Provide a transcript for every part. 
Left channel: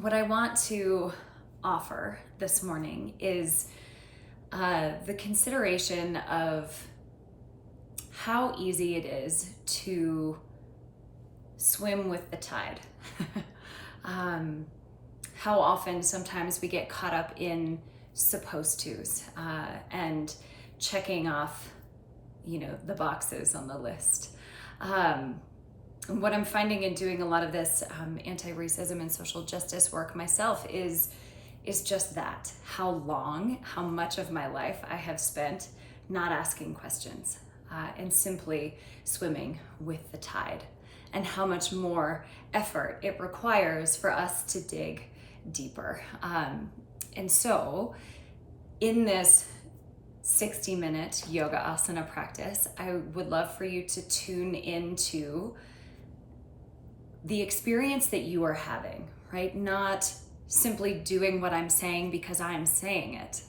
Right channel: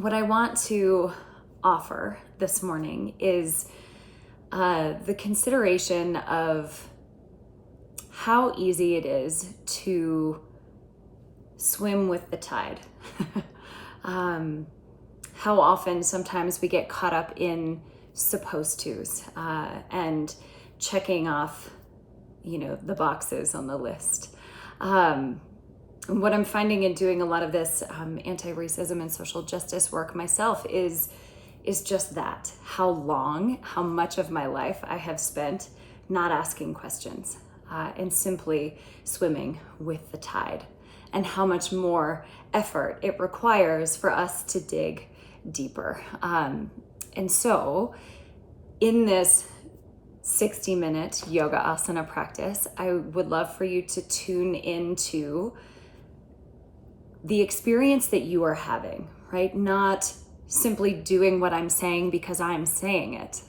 what I want to offer this morning is the consideration of how easy it is to swim with the tide. How often sometimes we get caught up in supposed to's and checking off, the boxes on the list. What I'm finding in doing a lot of this anti-racism and social justice work myself is just that, how much of my life I have spent not asking questions and simply swimming with the tide, and how much more effort it requires for us to dig deeper. And so in this 60-minute yoga asana practice, I would love for you to tune into the experience that you are having, right? Not simply doing what I'm saying because I'm saying it,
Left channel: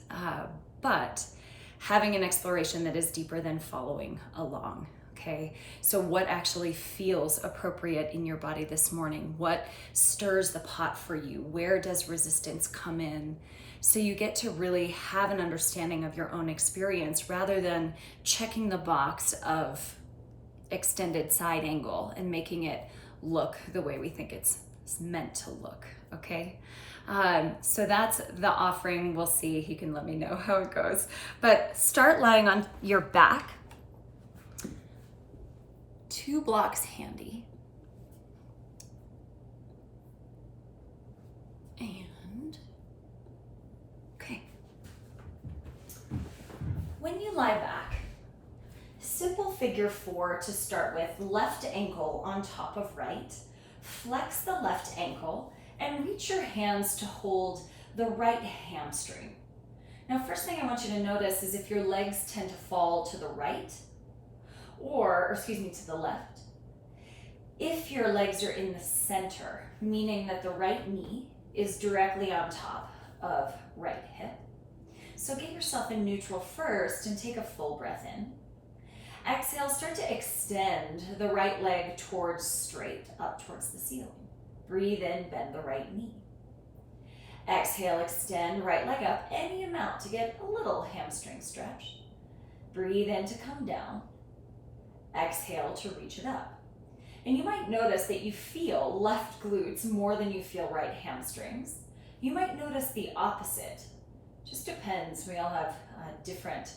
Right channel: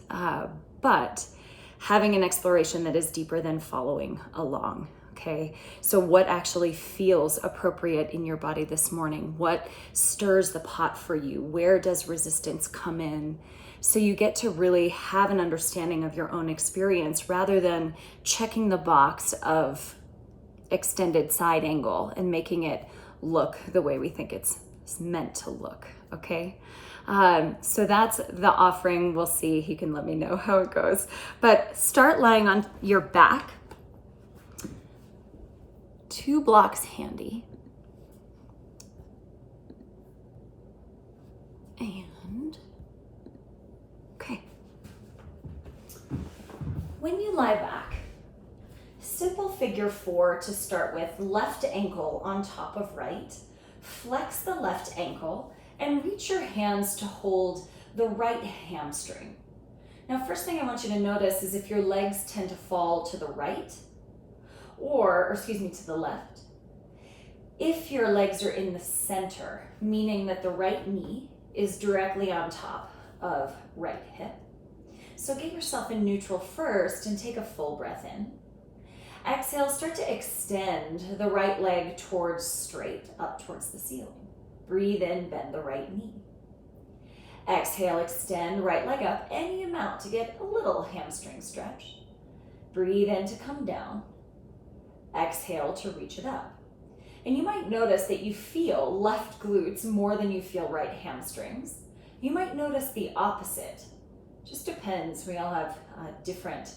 but having an exploration that is deeper than following along, okay? So what actually feels appropriate in your body this morning? What stirs the pot for you? Where does resistance come in? So you get to really have an understanding of your own experience rather than checking the box of extended side angle and making it look the way we think it's meant to look, okay? So that's the offering. We'll see. You can let me know how it goes. But start lying on your back. 2 blocks handy. And, okay. When you lie back, simple figure 4 to start with, left ankle on top of right. Flex the left ankle and reach your hands to hold the right hamstring. Now, first thing I want you to notice is if your legs tend to fall to the right, or to the left. If your legs are in the center, meaning that the right knee is directly on top of right hip. So get yourself in neutral first and take a full breath in. Exhale, start to extend the right leg towards straight, up towards the ceiling. Breathe in, bend the right knee. Exhale, extend right leg up any amount to get a little hamstring stretch. Breathe in to come down. Exhale to reach it up. And you might notice that you feel left glutes more than you feel right hamstrings. You might notice the opposite. Just depends. We all have different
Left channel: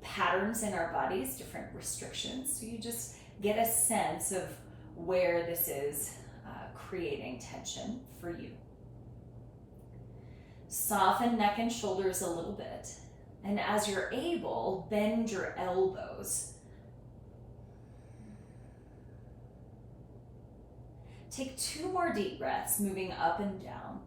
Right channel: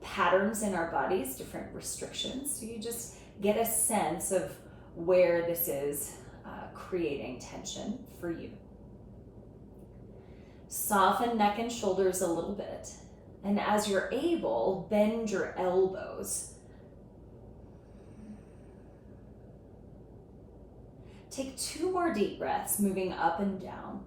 patterns in our bodies, different restrictions. So you just get a sense of where this is creating tension for you. Soften neck and shoulders a little bit. And as you're able, bend your elbows. Take 2 more deep breaths, moving up and down.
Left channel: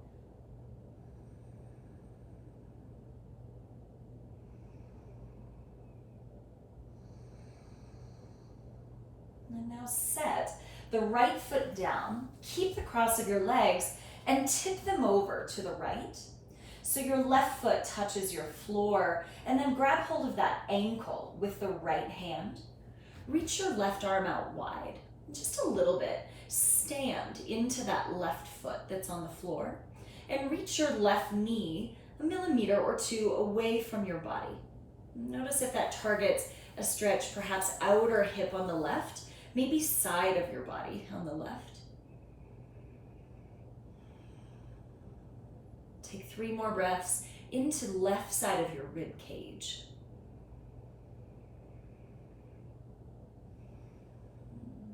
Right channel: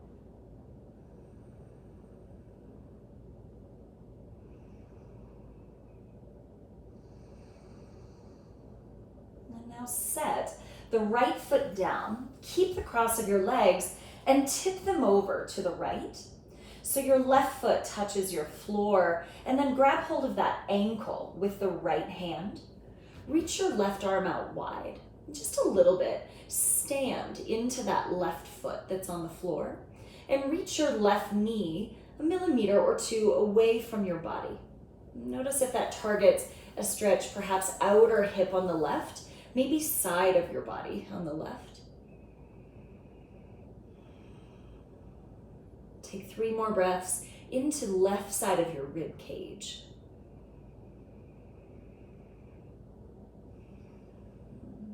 And now set the right foot down, keep the cross of your legs, and tip them over to the right. So your left foot touches your floor, and then grab hold of that ankle with the right hand. Reach your left arm out wide, just a little bit. Stand into that left foot that's on the floor, and reach your left knee 1 millimeter or 2 away from your body. Notice if that targets a stretch, perhaps outer hip on the left, maybe side of your body on the left. Take 3 more breaths into the left side of your rib cage.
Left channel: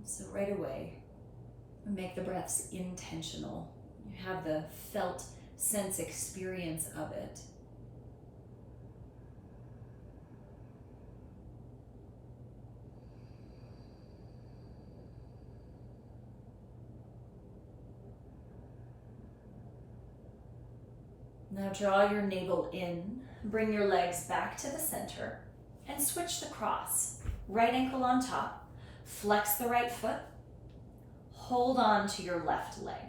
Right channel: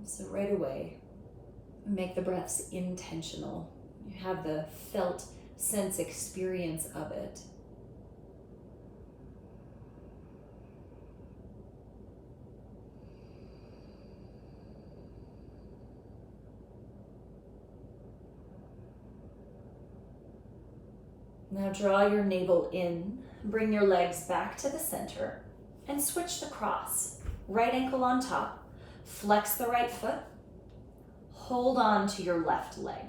So right away, make the breaths intentional. You have the felt sense experience of it. Now draw your navel in, bring your legs back to the center, and switch the cross. Right ankle on top, flex the right foot, hold on to your left leg.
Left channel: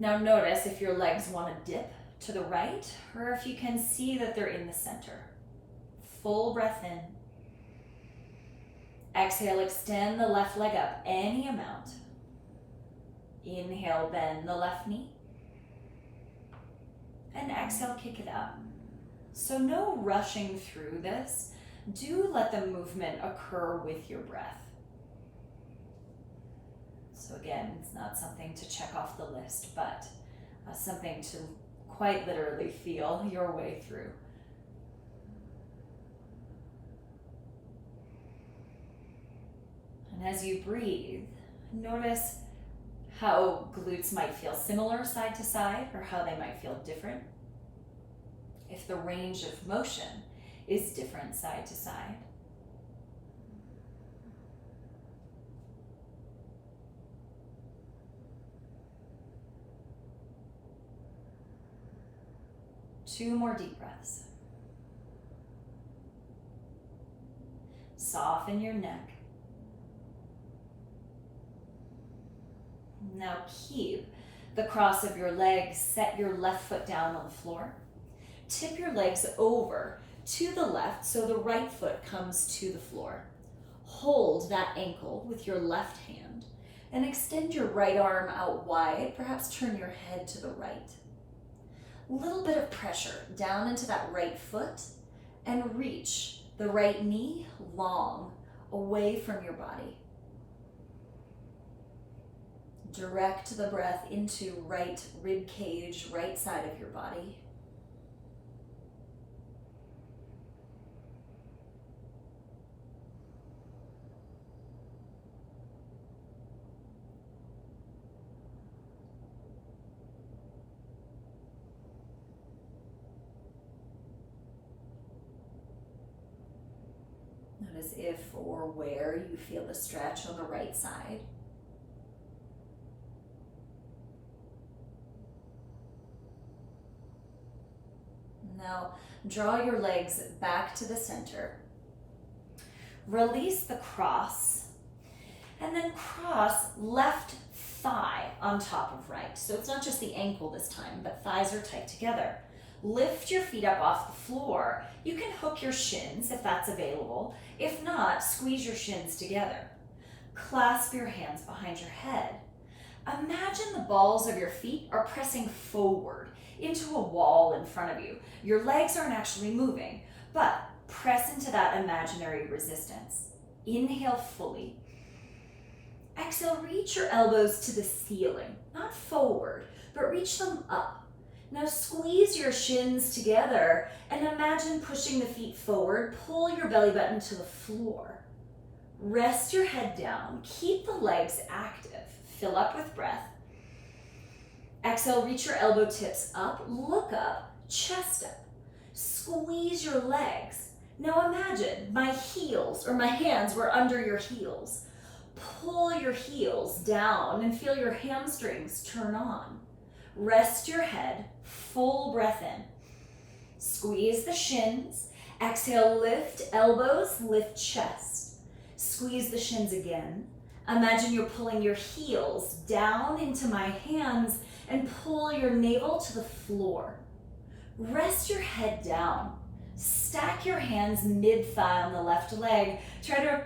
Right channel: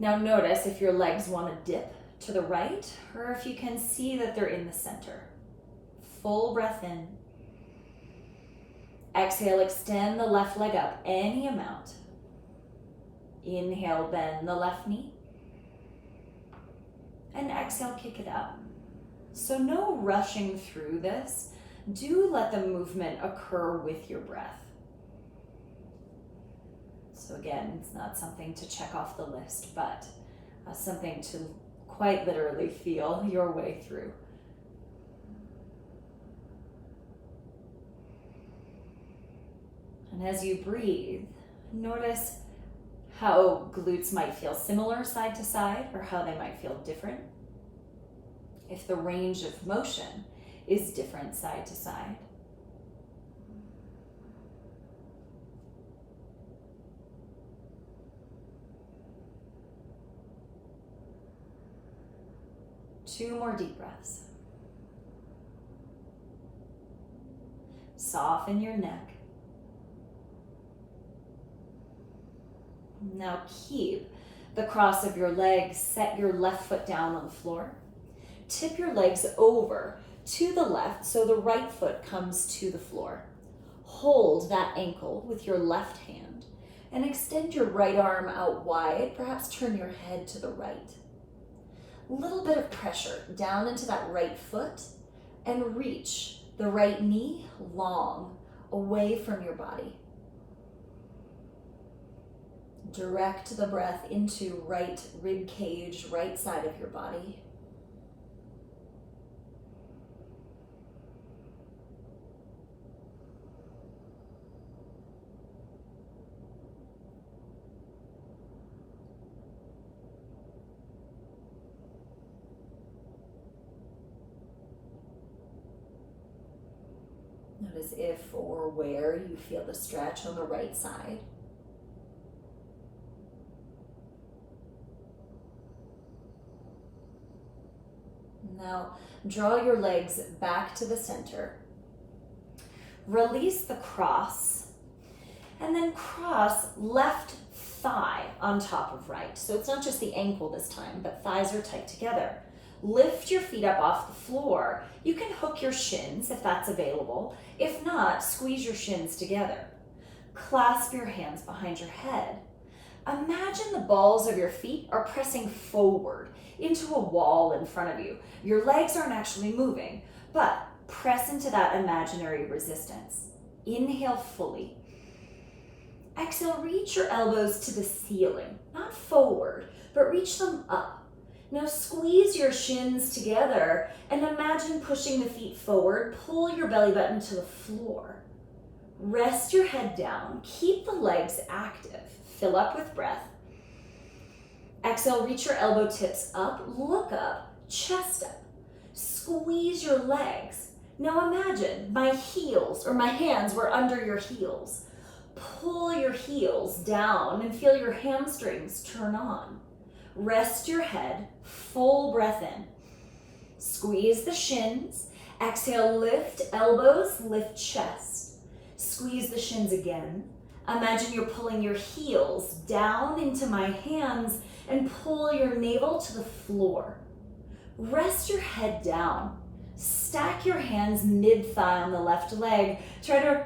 Now notice if your legs want to dip to the right, or if you can see that they're in the center. Full breath in. Exhale, extend the left leg up any amount. Inhale, bend the left knee. And exhale, kick it up. So no rushing through this. Do let the movement occur with your breath. So again, it's not something to check off the list, but something to quite literally feel your way through. And as you breathe, notice how glutes might feel similar side to side or how they might feel different. If the range of motion is different side to side. Two more deep breaths. Soften your neck. Now keep the cross of your legs. Set your left foot down on the floor. Tip your legs over to the left so the right foot comes to the floor. Hold that ankle with your left hand and extend your right arm out wide. Perhaps turn your head to the right. A little bit of pressure down into that right foot and reach the right knee long away from your body. Direct the breath into right rib cage, right side of your body. Notice if or where you feel the stretch on the right side. Now, draw your legs back to the center. Release the cross, and then cross left thigh on top of right. So it's not just the ankle this time, but thighs are tight together. Lift your feet up off the floor. You can hook your shins if that's available. If not, squeeze your shins together. Clasp your hands behind your head. Imagine the balls of your feet are pressing forward into a wall in front of you. Your legs aren't actually moving, but press into that imaginary resistance. Inhale fully. Exhale, reach your elbows to the ceiling, not forward, but reach them up. Now squeeze your shins together and imagine pushing the feet forward. Pull your belly button to the floor. Rest your head down. Keep the legs active. Fill up with breath. Exhale, reach your elbow tips up. Look up, chest up. Squeeze your legs. Now imagine my heels or my hands were under your heels. Pull your heels down and feel your hamstrings turn on. Rest your head, full breath in. Squeeze the shins. Exhale, lift elbows, lift chest. Squeeze the shins again. Imagine you're pulling your heels down into my hands and pull your navel to the floor. Rest your head down. Stack your hands mid-thigh on the left leg. Try to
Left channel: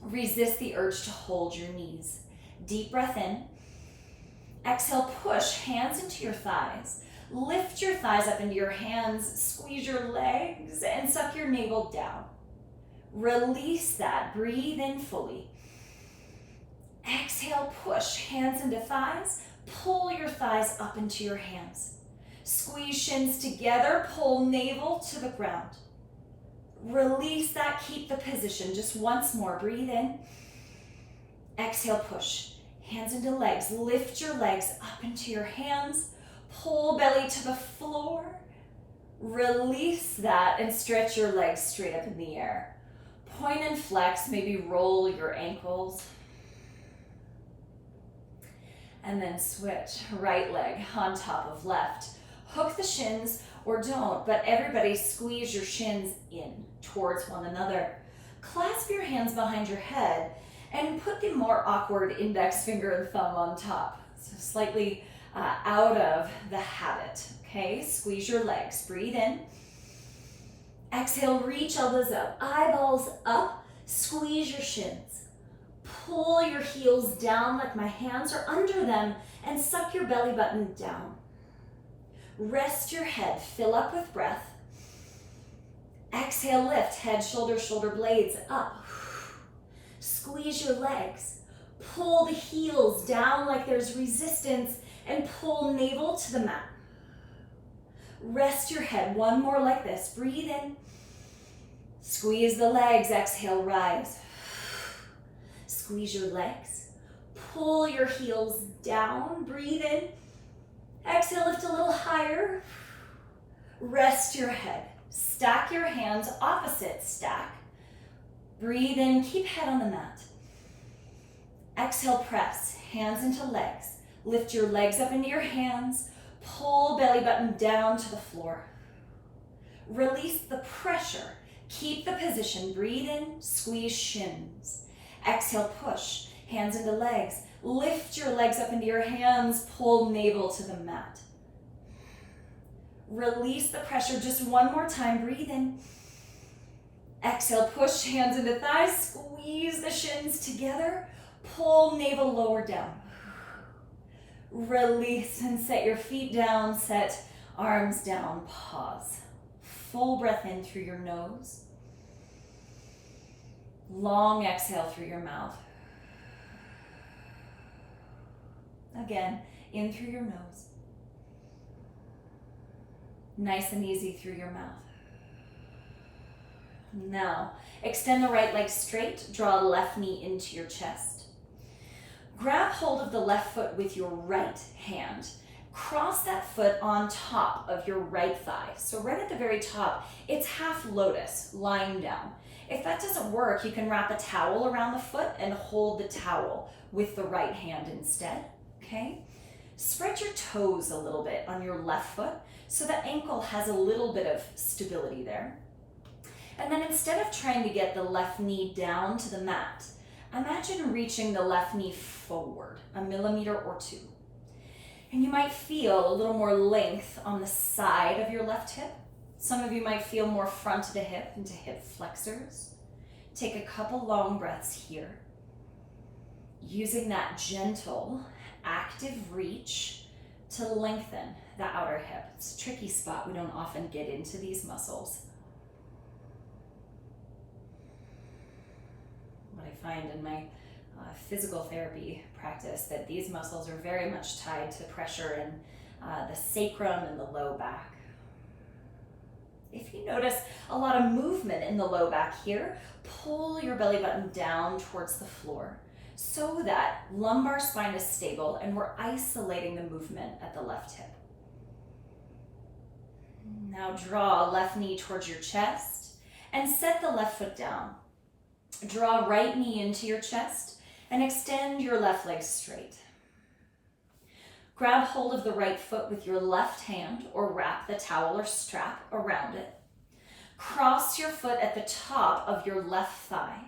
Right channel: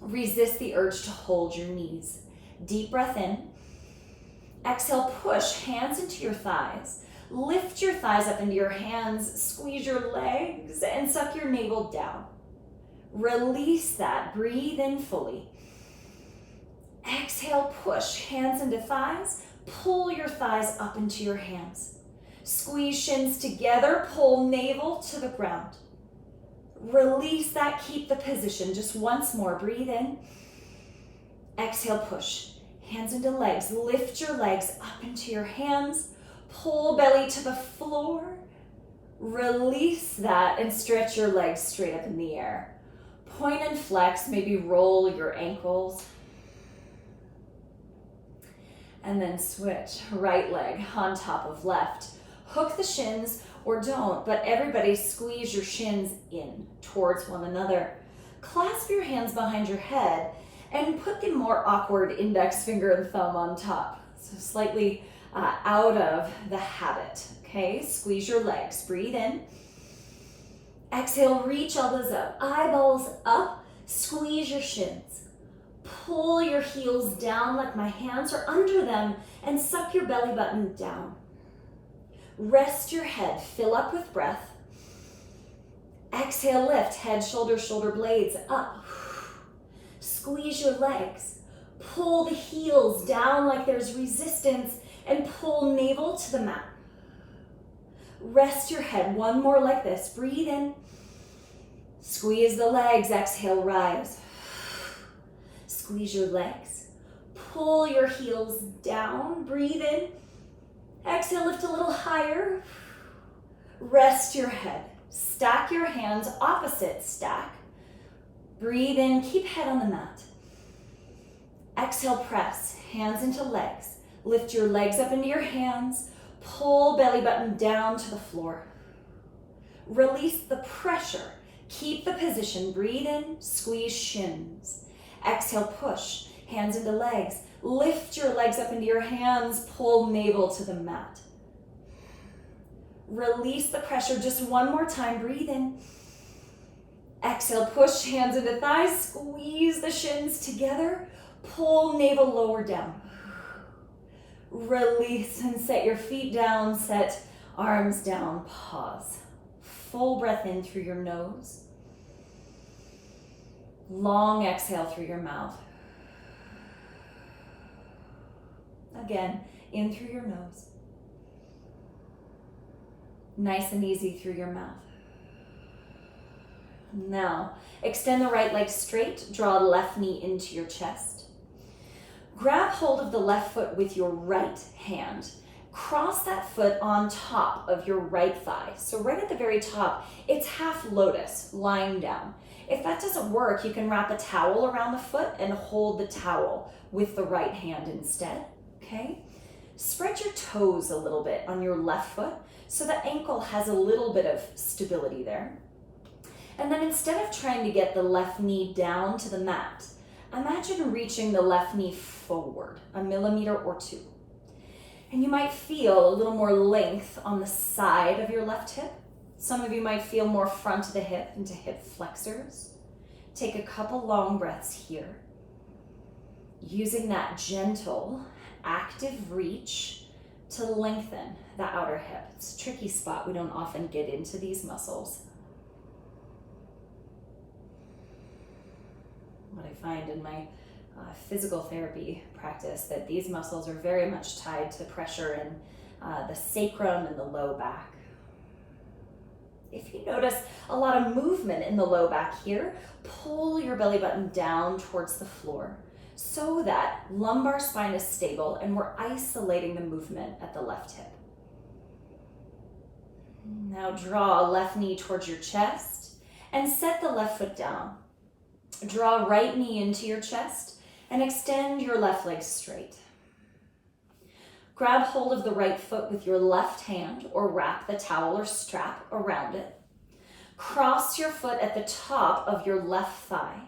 resist the urge to hold your knees. Deep breath in. Exhale, push hands into your thighs. Lift your thighs up into your hands, squeeze your legs, and suck your navel down. Release that, breathe in fully. Exhale, push hands into thighs, pull your thighs up into your hands. Squeeze shins together, pull navel to the ground. Release that, keep the position. Just once more, breathe in. Exhale, push. Hands into legs, lift your legs up into your hands, pull belly to the floor, release that and stretch your legs straight up in the air. Point and flex, maybe roll your ankles. And then switch, right leg on top of left. Hook the shins or don't, but everybody squeeze your shins in towards one another. Clasp your hands behind your head and put the more awkward index finger and thumb on top. So slightly out of the habit, okay? Squeeze your legs, breathe in. Exhale, reach elbows up, eyeballs up, squeeze your shins. Pull your heels down like my hands are under them and suck your belly button down. Rest your head, fill up with breath. Exhale, lift, head, shoulder, shoulder blades up. Squeeze your legs. Pull the heels down like there's resistance and pull navel to the mat. Rest your head, one more like this. Breathe in. Squeeze the legs, exhale, rise. Squeeze your legs. Pull your heels down, breathe in. Exhale, lift a little higher. Rest your head. Stack your hands, opposite stack. Breathe in, keep head on the mat. Exhale, press, hands into legs. Lift your legs up into your hands. Pull belly button down to the floor. Release the pressure. Keep the position, breathe in, squeeze shins. Exhale, push, hands into legs. Lift your legs up into your hands, pull navel to the mat. Release the pressure just one more time, breathe in. Exhale, push, hands into thighs, squeeze the shins together, pull navel lower down. Release and set your feet down, set arms down, pause. Full breath in through your nose. Long exhale through your mouth. Again, in through your nose. Nice and easy through your mouth. Now, extend the right leg straight, draw left knee into your chest. Grab hold of the left foot with your right hand. Cross that foot on top of your right thigh. So right at the very top, it's half lotus, lying down. If that doesn't work, you can wrap a towel around the foot and hold the towel with the right hand instead, okay? Spread your toes a little bit on your left foot so the ankle has a little bit of stability there. And then instead of trying to get the left knee down to the mat, imagine reaching the left knee forward, 1 millimeter or 2. And you might feel a little more length on the side of your left hip. Some of you might feel more front of the hip into hip flexors. Take a couple long breaths here. Using that gentle, active reach to lengthen the outer hip. It's a tricky spot. We don't often get into these muscles. What I find in my physical therapy practice that these muscles are very much tied to pressure in the sacrum and the low back. If you notice a lot of movement in the low back here, pull your belly button down towards the floor so that lumbar spine is stable and we're isolating the movement at the left hip. Now draw left knee towards your chest and set the left foot down. Draw right knee into your chest and extend your left leg straight. Grab hold of the right foot with your left hand or wrap the towel or strap around it. Cross your foot at the top of your left thigh.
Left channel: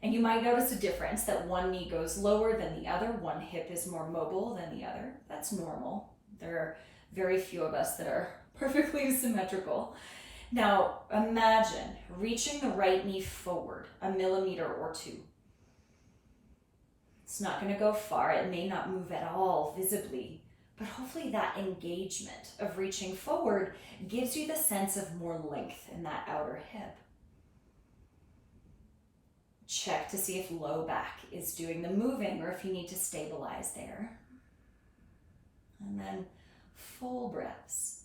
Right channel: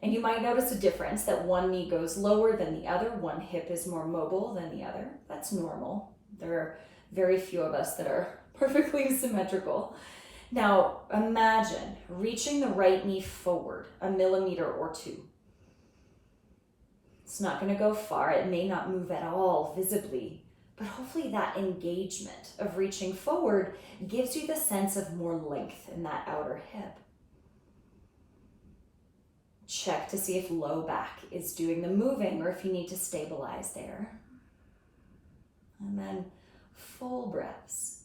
And you might notice a difference that one knee goes lower than the other, one hip is more mobile than the other. That's normal. There are very few of us that are perfectly symmetrical. Now imagine reaching the right knee forward, 1 millimeter or 2. It's not going to go far. It may not move at all visibly, but hopefully that engagement of reaching forward gives you the sense of more length in that outer hip. Check to see if low back is doing the moving or if you need to stabilize there. And then full breaths.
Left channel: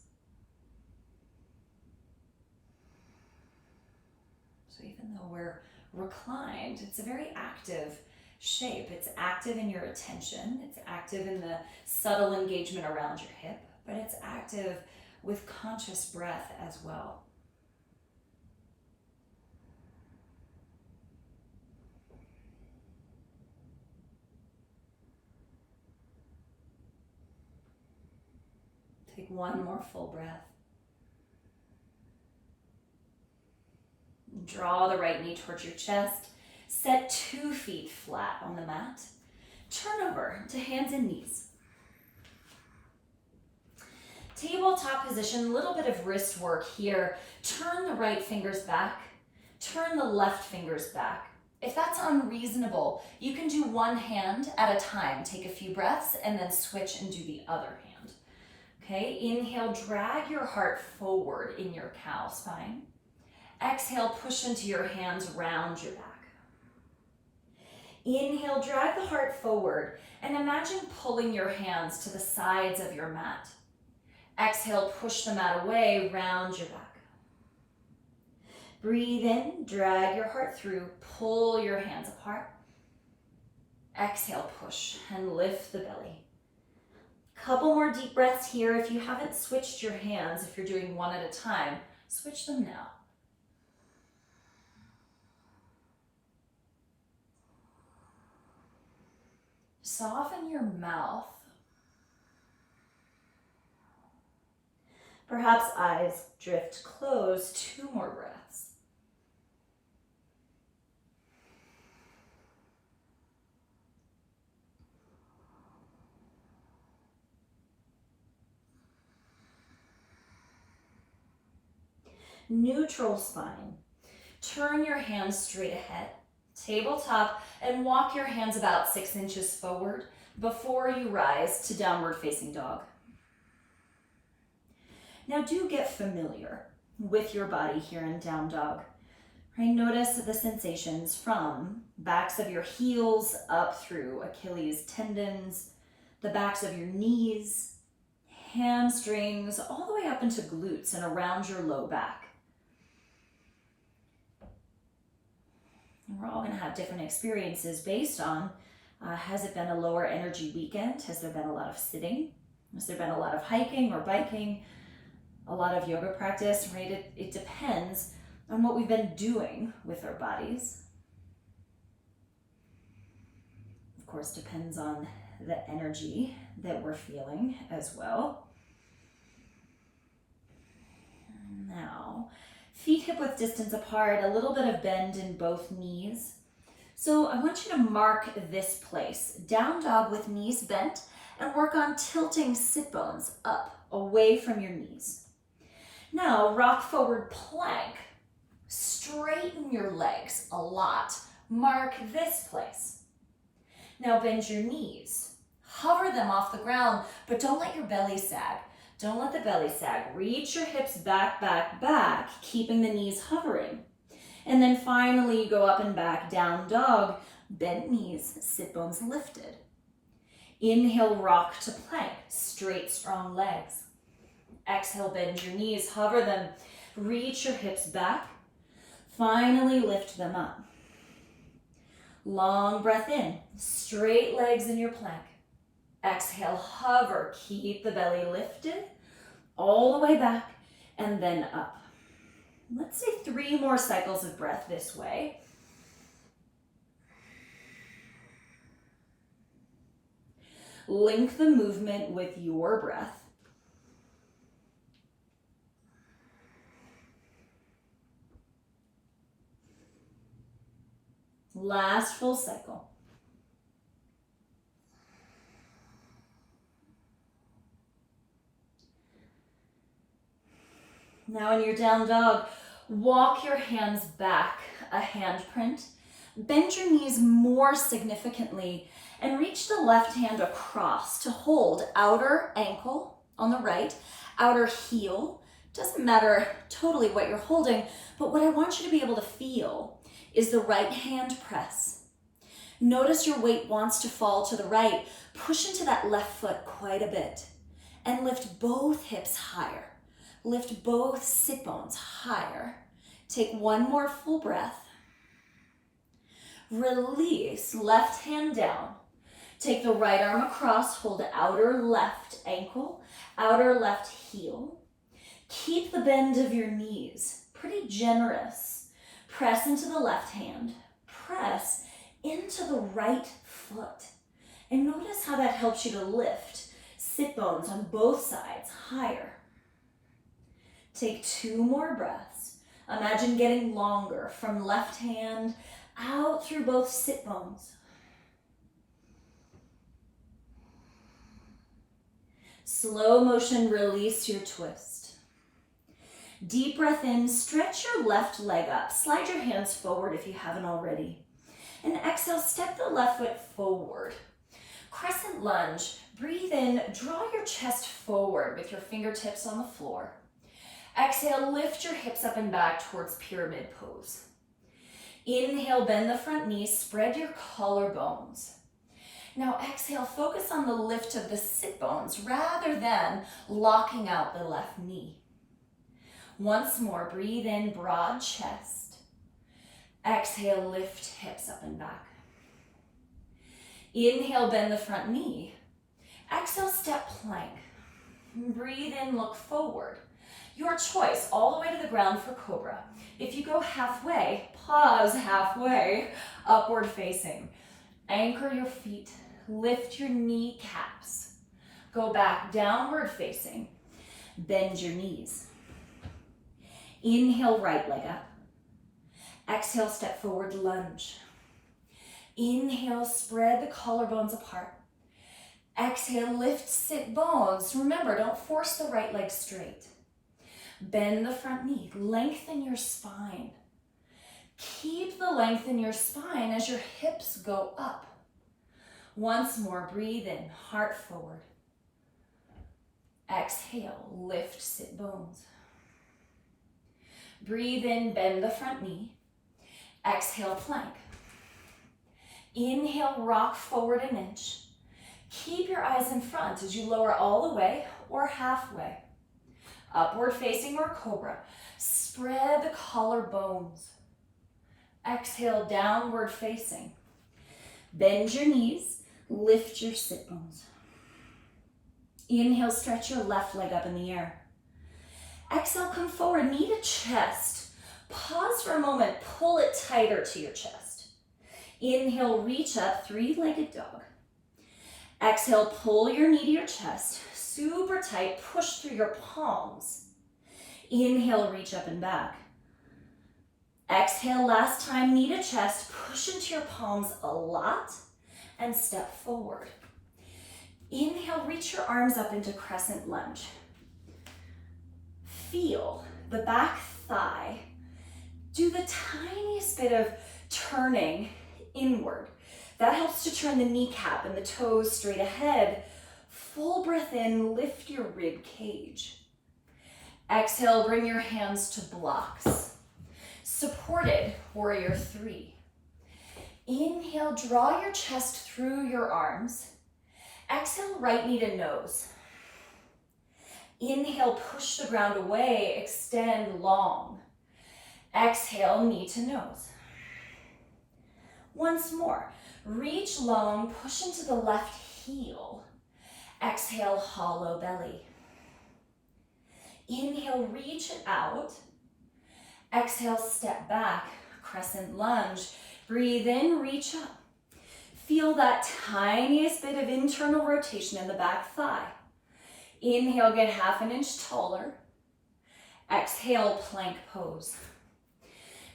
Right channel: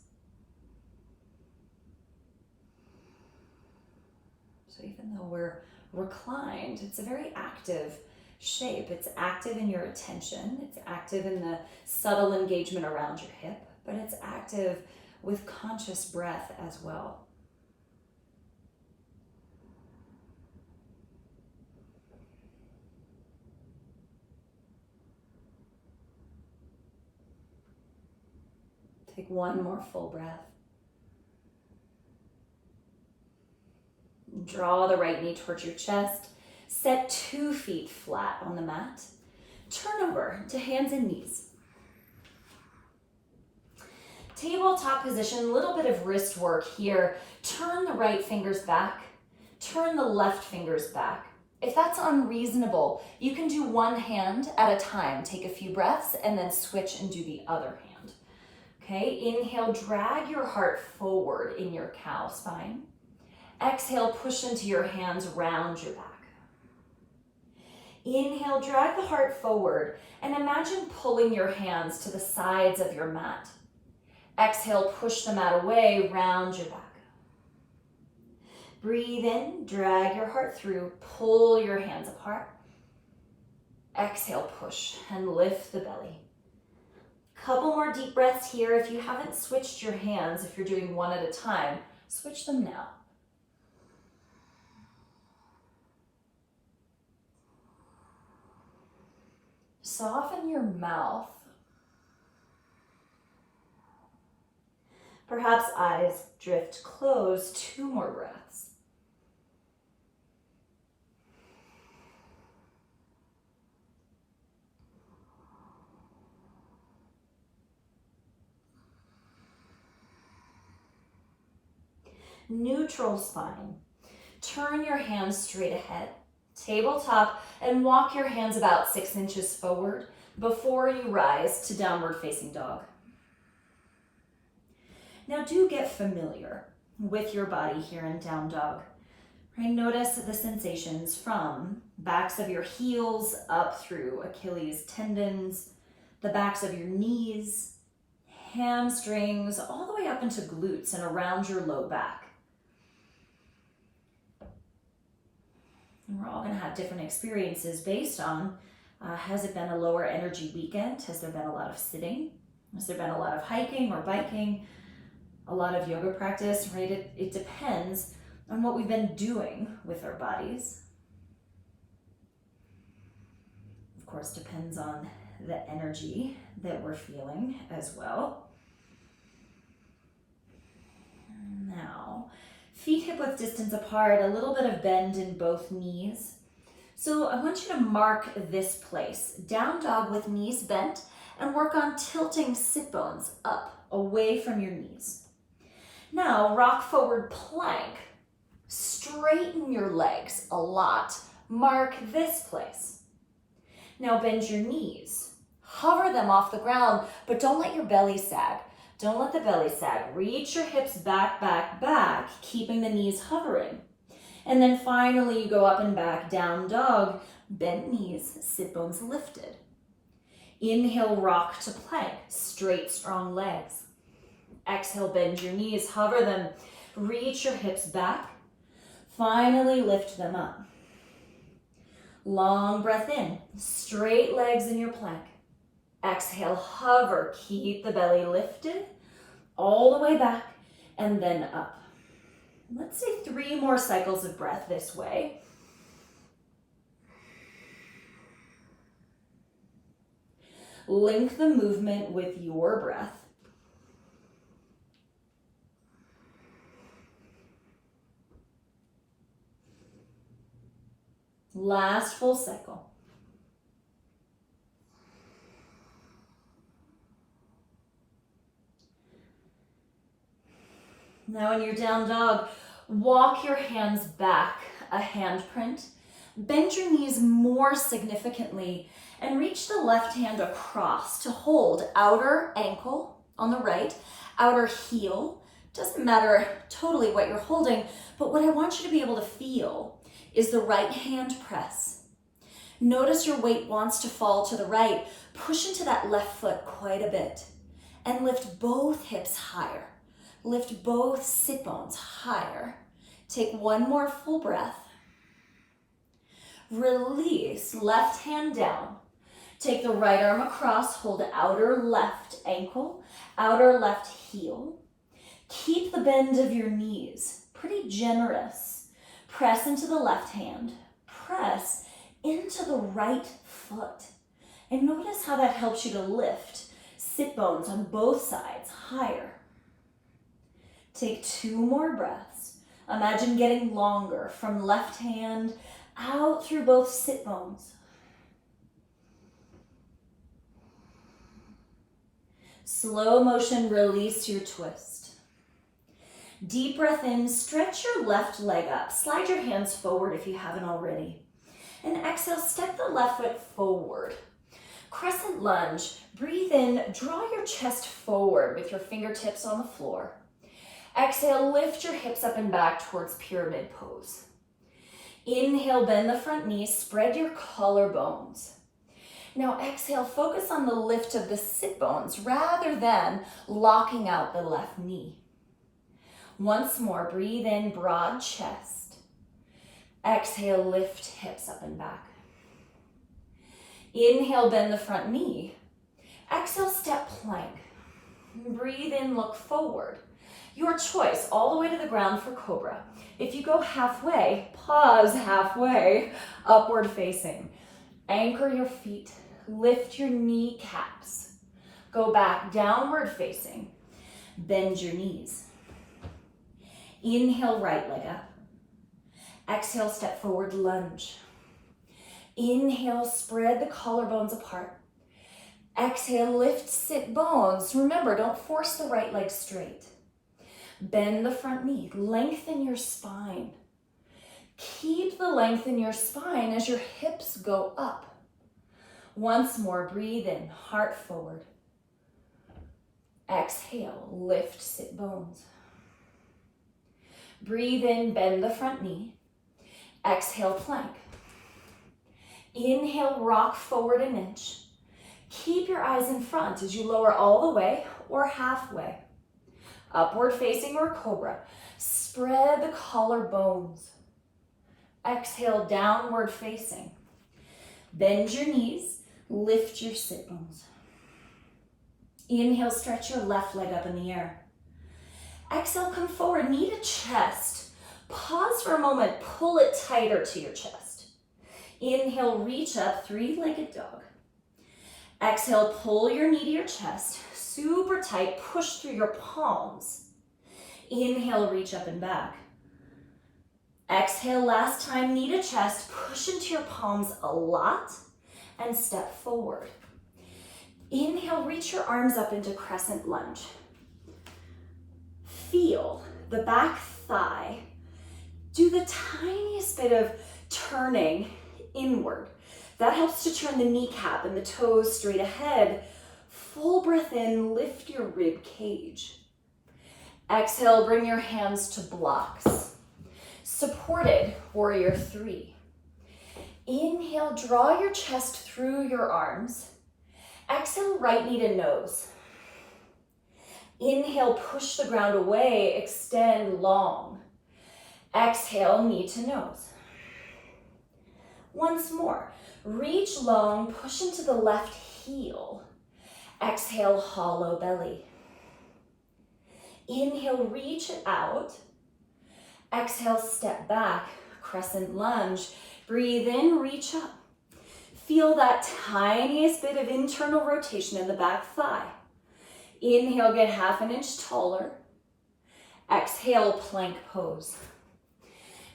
So even though we're reclined, it's a very active shape. It's active in your attention. It's active in the subtle engagement around your hip, but it's active with conscious breath as well. Take one more full breath. Draw the right knee towards your chest. Set 2 feet flat on the mat. Turn over to hands and knees. Tabletop position, a little bit of wrist work here. Turn the right fingers back. Turn the left fingers back. If that's unreasonable, you can do one hand at a time. Take a few breaths and then switch and do the other hand. Okay, inhale, drag your heart forward in your cow spine. Exhale, push into your hands, round your back. Inhale, drag the heart forward and imagine pulling your hands to the sides of your mat. Exhale, push the mat away, round your back. Breathe in, drag your heart through, pull your hands apart. Exhale, push and lift the belly. Couple more deep breaths here. If you haven't switched your hands, if you're doing one at a time, switch them now. Soften your mouth. Perhaps eyes drift closed. 2 more breaths. Neutral spine. Turn your hands straight ahead, tabletop, and walk your hands about 6 inches forward before you rise to downward facing dog. Now do get familiar with your body here in down dog. Right? Notice the sensations from backs of your heels up through Achilles tendons, the backs of your knees, hamstrings, all the way up into glutes and around your low back. And we're all going to have different experiences based on, has it been a lower energy weekend? Has there been a lot of sitting? Has there been a lot of hiking or biking? A lot of yoga practice, right? It depends on what we've been doing with our bodies. Of course, depends on the energy that we're feeling as well. Now, feet hip-width distance apart, a little bit of bend in both knees. So I want you to mark this place, down dog with knees bent, and work on tilting sit bones up, away from your knees. Now, rock forward plank. Straighten your legs a lot. Mark this place. Now bend your knees. Hover them off the ground, but don't let your belly sag. Don't let the belly sag. Reach your hips back, back, back, keeping the knees hovering. And then finally you go up and back, down dog, bent knees, sit bones lifted. Inhale, rock to plank, straight, strong legs. Exhale, bend your knees, hover them, reach your hips back. Finally, lift them up. Long breath in, straight legs in your plank. Exhale, hover, keep the belly lifted, all the way back, and then up. Let's say 3 more cycles of breath this way. Link the movement with your breath. Last full cycle. Now in your down dog, walk your hands back, a handprint. Bend your knees more significantly and reach the left hand across to hold outer ankle on the right, outer heel. Doesn't matter totally what you're holding, but what I want you to be able to feel is the right hand press. Notice your weight wants to fall to the right. Push into that left foot quite a bit and lift both hips higher. Lift both sit bones higher. Take 1 more full breath. Release, left hand down. Take the right arm across, hold outer left ankle, outer left heel. Keep the bend of your knees, pretty generous. Press into the left hand, press into the right foot. And notice how that helps you to lift sit bones on both sides higher. Take 2 more breaths. Imagine getting longer from left hand out through both sit bones. Slow motion, release your twist. Deep breath in, stretch your left leg up. Slide your hands forward if you haven't already. And exhale, step the left foot forward. Crescent lunge. Breathe in, draw your chest forward with your fingertips on the floor. Exhale, lift your hips up and back towards pyramid pose. Inhale, bend the front knee, spread your collarbones. Now exhale, focus on the lift of the sit bones rather than locking out the left knee. Once more, breathe in, broad chest. Exhale, lift hips up and back. Inhale, bend the front knee. Exhale, step plank. Breathe in, look forward. Your choice, all the way to the ground for cobra. If you go halfway, pause halfway, upward facing. Anchor your feet, lift your kneecaps. Go back, downward facing. Bend your knees. Inhale, right leg up. Exhale, step forward, lunge. Inhale, spread the collarbones apart. Exhale, lift sit bones. Remember, don't force the right leg straight. Bend the front knee, lengthen your spine. Keep the length in your spine as your hips go up. Once more, breathe in, heart forward. Exhale, lift sit bones. Breathe in, bend the front knee. Exhale, plank. Inhale, rock forward an inch. Keep your eyes in front as you lower all the way or halfway. Upward facing or cobra. Spread the collarbones. Exhale, downward facing. Bend your knees, lift your sit bones. Inhale, stretch your left leg up in the air. Exhale, come forward, knee to chest. Pause for a moment, pull it tighter to your chest. Inhale, reach up, three-legged dog. Exhale, pull your knee to your chest, super tight, push through your palms. Inhale, reach up and back. Exhale, last time, knee to chest, push into your palms a lot and step forward. Inhale, reach your arms up into crescent lunge. Feel the back thigh. Do the tiniest bit of turning inward. That helps to turn the kneecap and the toes straight ahead. Full breath in, lift your rib cage. Exhale, bring your hands to blocks. Supported, warrior three. Inhale, draw your chest through your arms. Exhale, right knee to nose. Inhale, push the ground away, extend long. Exhale, knee to nose. Once more, reach long, push into the left heel. Exhale, hollow belly. Inhale, reach it out. Exhale, step back, crescent lunge. Breathe in, reach up. Feel that tiniest bit of internal rotation in the back thigh. Inhale, get half an inch taller. Exhale, plank pose.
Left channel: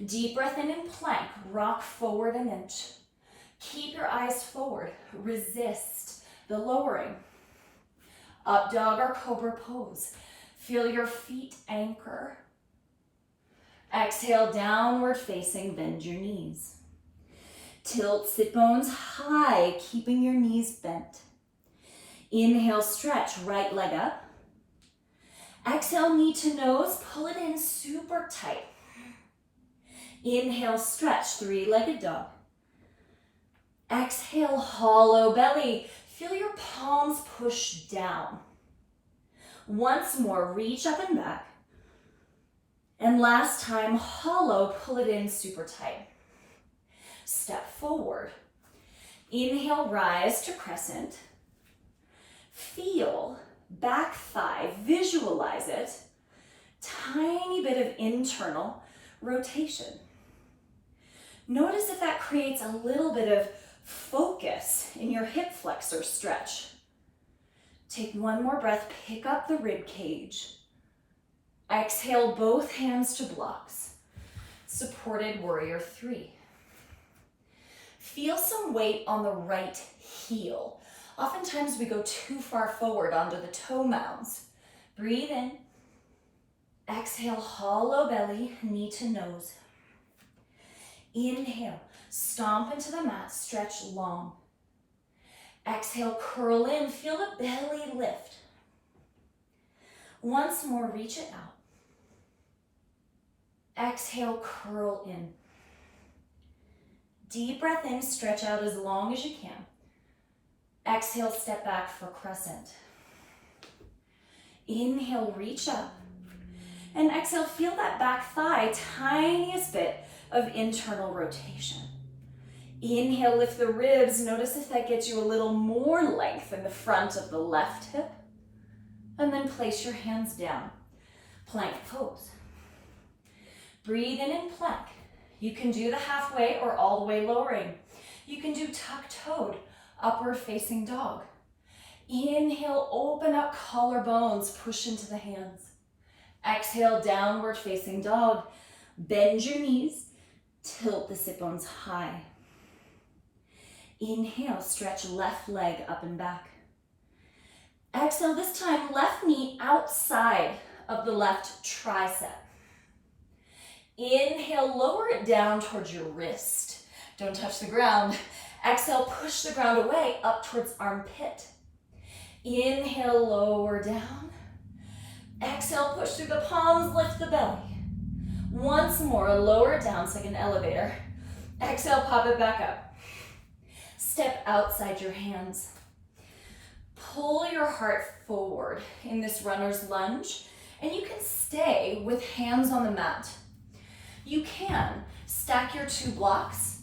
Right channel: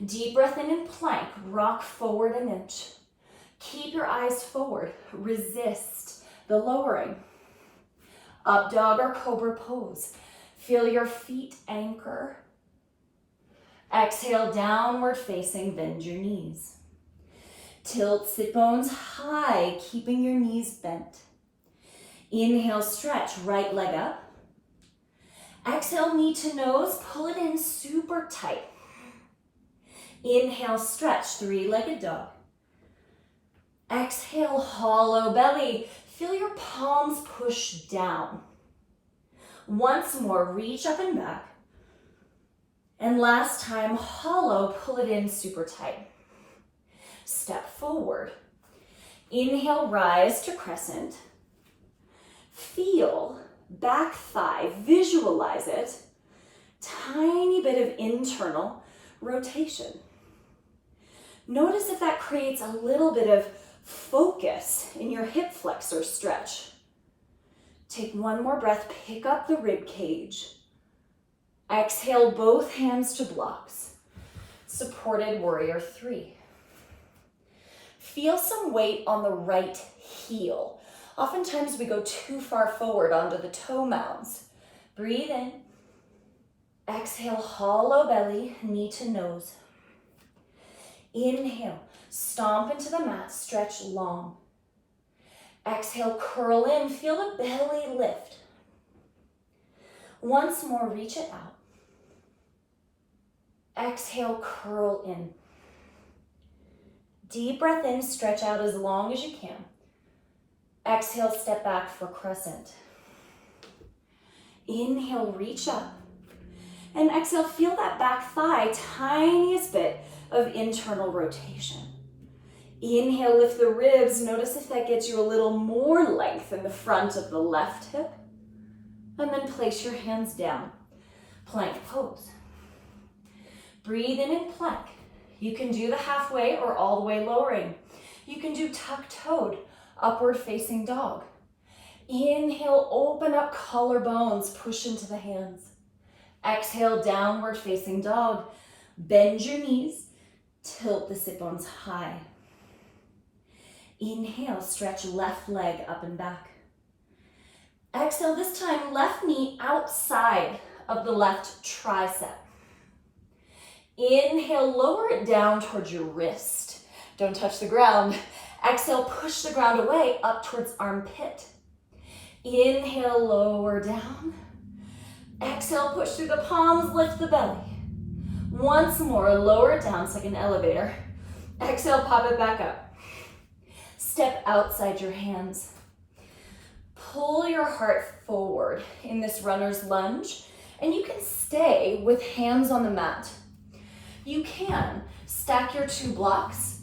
Deep breath in plank, rock forward an inch. Keep your eyes forward, resist the lowering. Up dog or cobra pose. Feel your feet anchor. Exhale, downward facing, bend your knees. Tilt sit bones high, keeping your knees bent. Inhale, stretch, right leg up. Exhale, knee to nose, pull it in super tight. Inhale, stretch, three-legged dog. Exhale, hollow belly. Feel your palms push down. Once more, reach up and back. And last time, hollow, pull it in super tight. Step forward. Inhale, rise to crescent. Feel back thigh, visualize it. Tiny bit of internal rotation. Notice if that creates a little bit of focus in your hip flexor stretch. Take one more breath, pick up the rib cage. Exhale, both hands to blocks. Supported warrior three. Feel some weight on the right heel. Oftentimes we go too far forward onto the toe mounds. Breathe in. Exhale, hollow belly, knee to nose. Inhale, Stomp into the mat, stretch long. Exhale, curl in, feel the belly lift. Once more, reach it out. Exhale, curl in. Deep breath in, stretch out as long as you can. Exhale, step back for crescent. Inhale, reach up. And exhale, feel that back thigh, tiniest bit of internal rotation. Inhale, lift the ribs. Notice if that gets you a little more length in the front of the left hip. And then place your hands down. Plank pose. Breathe in plank. You can do the halfway or all the way lowering. You can do tuck-toed, upward facing dog. Inhale, open up collarbones, push into the hands. Exhale, downward facing dog. Bend your knees, tilt the sit bones high. Inhale, stretch left leg up and back. Exhale, this time left knee outside of the left tricep. Inhale, lower it down towards your wrist. Don't touch the ground. Exhale, push the ground away up towards armpit. Inhale, lower down. Exhale, push through the palms, lift the belly. Once more, lower it down, it's like an elevator. Exhale, pop it back up. Step outside your hands. Pull your heart forward in this runner's lunge, and you can stay with hands on the mat. You can stack your two blocks,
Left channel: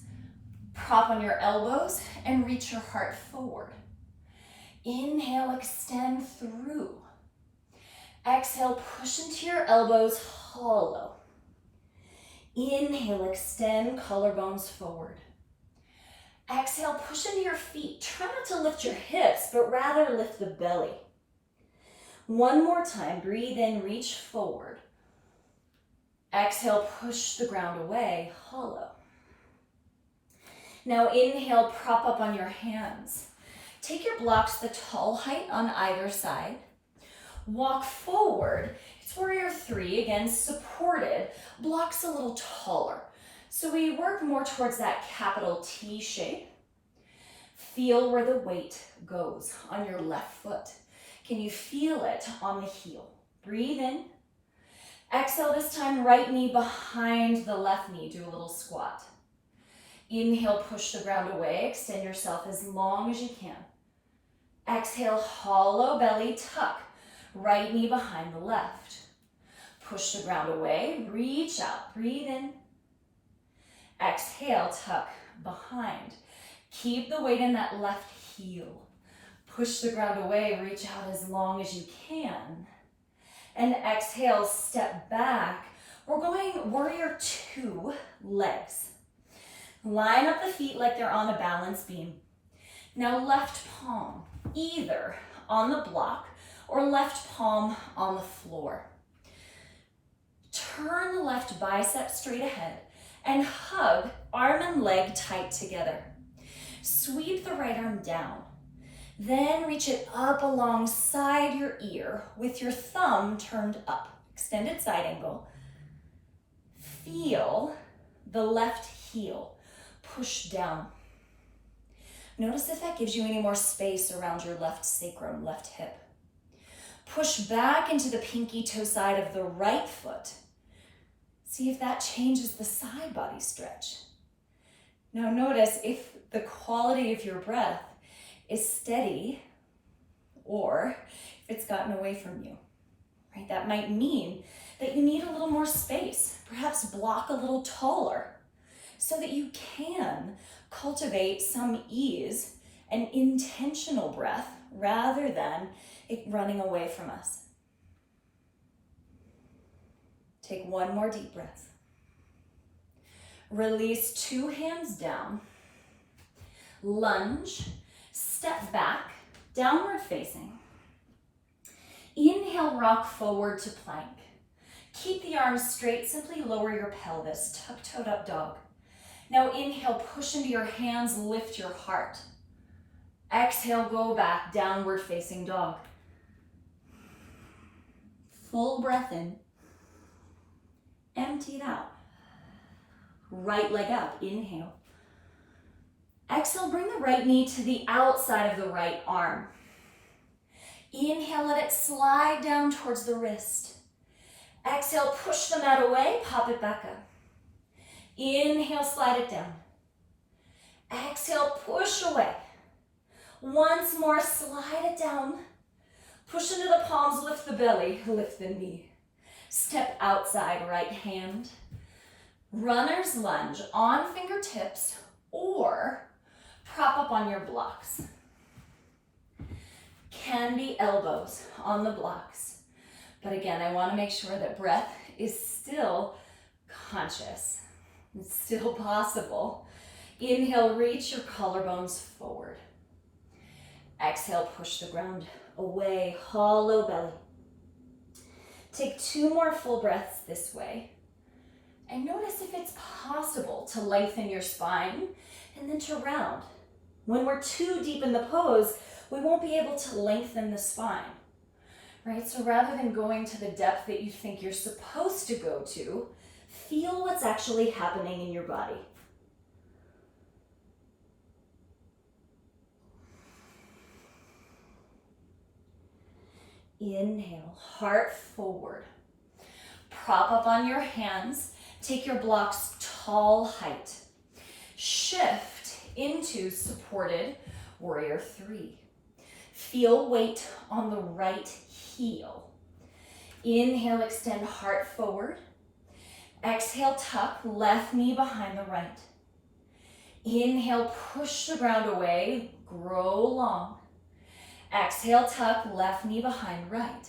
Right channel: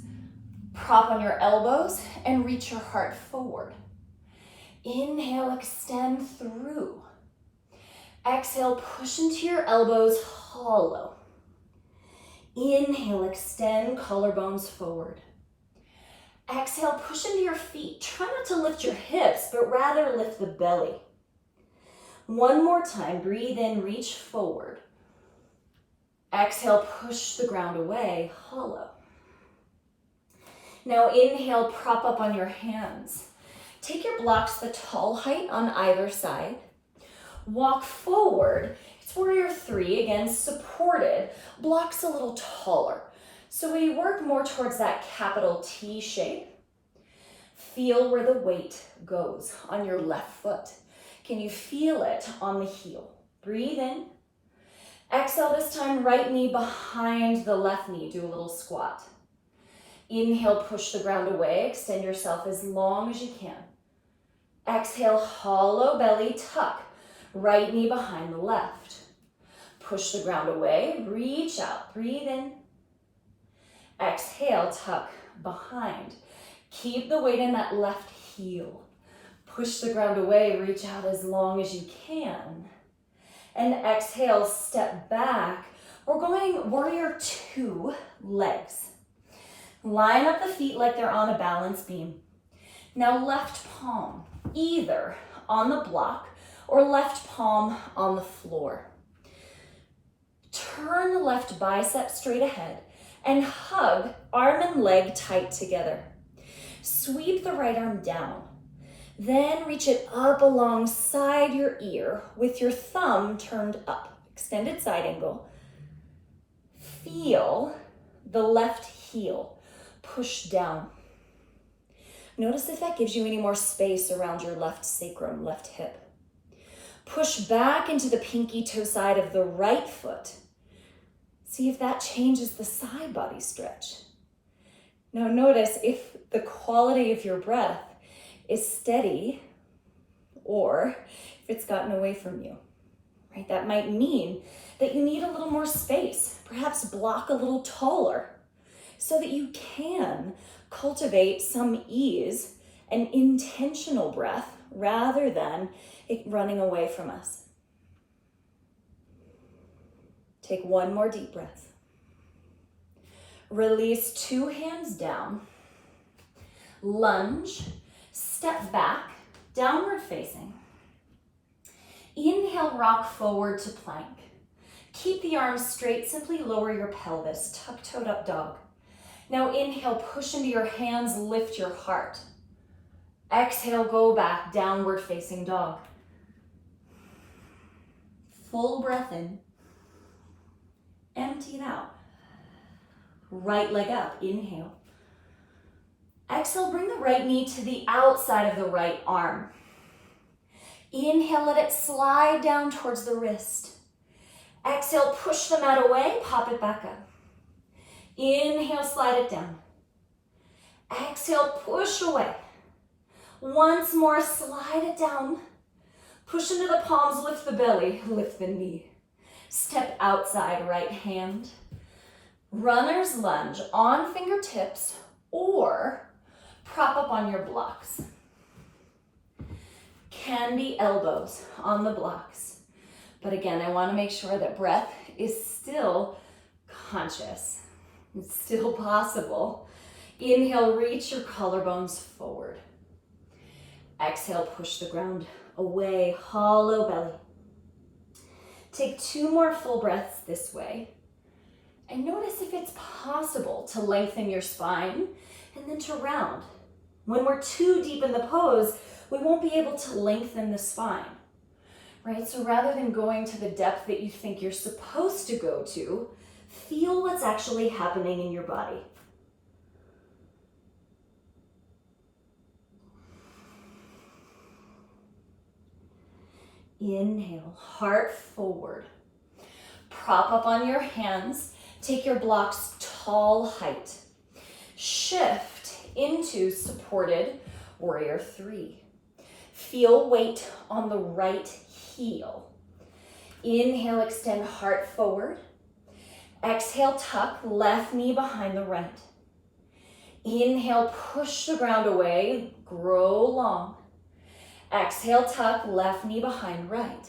prop on your elbows, and reach your heart forward. Inhale, extend through. Exhale, push into your elbows, hollow. Inhale, extend collarbones forward. Exhale, push into your feet. Try not to lift your hips, but rather lift the belly. One more time, breathe in, reach forward. Exhale, push the ground away, hollow. Now inhale, prop up on your hands. Take your blocks the tall height on either side. Walk forward. It's warrior three, again, supported. Blocks a little taller. So we work more towards that capital T shape. Feel where the weight goes on your left foot. Can you feel it on the heel? Breathe in. Exhale, this time right knee behind the left knee. Do a little squat. Inhale, push the ground away. Extend yourself as long as you can. Exhale, hollow belly, tuck. Right knee behind the left. Push the ground away, reach out, breathe in. Exhale, tuck behind. Keep the weight in that left heel. Push the ground away, reach out as long as you can. And exhale, step back. We're going warrior two, legs. Line up the feet like they're on a balance beam. Now left palm, either on the block or left palm on the floor. Turn the left bicep straight ahead and hug arm and leg tight together. Sweep the right arm down. Then reach it up alongside your ear with your thumb turned up. Extended side angle. Feel the left heel push down. Notice if that gives you any more space around your left sacrum, left hip. Push back into the pinky toe side of the right foot. See if that changes the side body stretch. Now notice if the quality of your breath is steady or if it's gotten away from you, right? That might mean that you need a little more space, perhaps block a little taller so that you can cultivate some ease and intentional breath rather than it running away from us. Take one more deep breath. Release two hands down. Lunge, step back, downward facing. Inhale, rock forward to plank. Keep the arms straight, simply lower your pelvis, tuck-toed up dog. Now inhale, push into your hands, lift your heart. Exhale, go back, downward facing dog. Full breath in. Empty it out. Right leg up, inhale. Exhale, bring the right knee to the outside of the right arm. Inhale, let it slide down towards the wrist. Exhale, push the mat away, pop it back up. Inhale, slide it down. Exhale, push away. Once more, slide it down. Push into the palms, lift the belly, lift the knee. Step outside, right hand. Runner's lunge on fingertips or prop up on your blocks. Can be elbows on the blocks. But again, I want to make sure that breath is still conscious. It's still possible. Inhale, reach your collarbones forward. Exhale, push the ground away, hollow belly. Take 2 more full breaths this way. And notice if it's possible to lengthen your spine and then to round. When we're too deep in the pose, we won't be able to lengthen the spine, right? So rather than going to the depth that you think you're supposed to go to, feel what's actually happening in your body. Inhale, heart forward. Prop up on your hands. Take your blocks tall height. Shift into supported warrior 3. Feel weight on the right heel. Inhale, extend heart forward. Exhale, tuck left knee behind the right. Inhale, push the ground away, grow long. Exhale, tuck left knee behind right.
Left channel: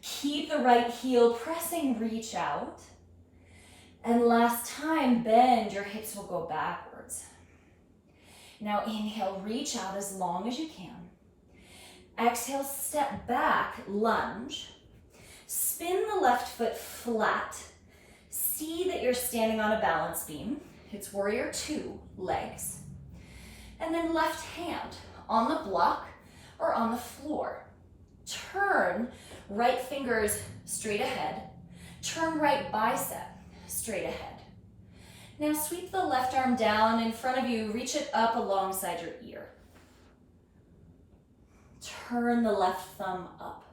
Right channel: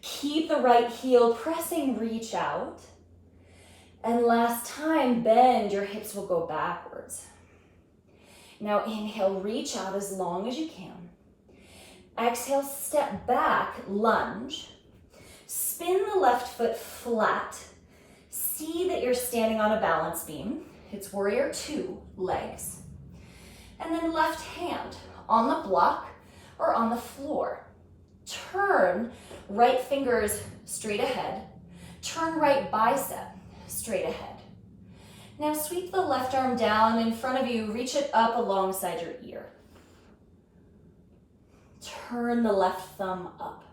Keep the right heel pressing, reach out. And last time, bend, your hips will go backwards. Now inhale, reach out as long as you can. Exhale, step back, lunge. Spin the left foot flat. See that you're standing on a balance beam. It's warrior 2, legs. And then left hand on the block or on the floor. Turn right fingers straight ahead. Turn right bicep straight ahead. Now sweep the left arm down in front of you, reach it up alongside your ear. Turn the left thumb up.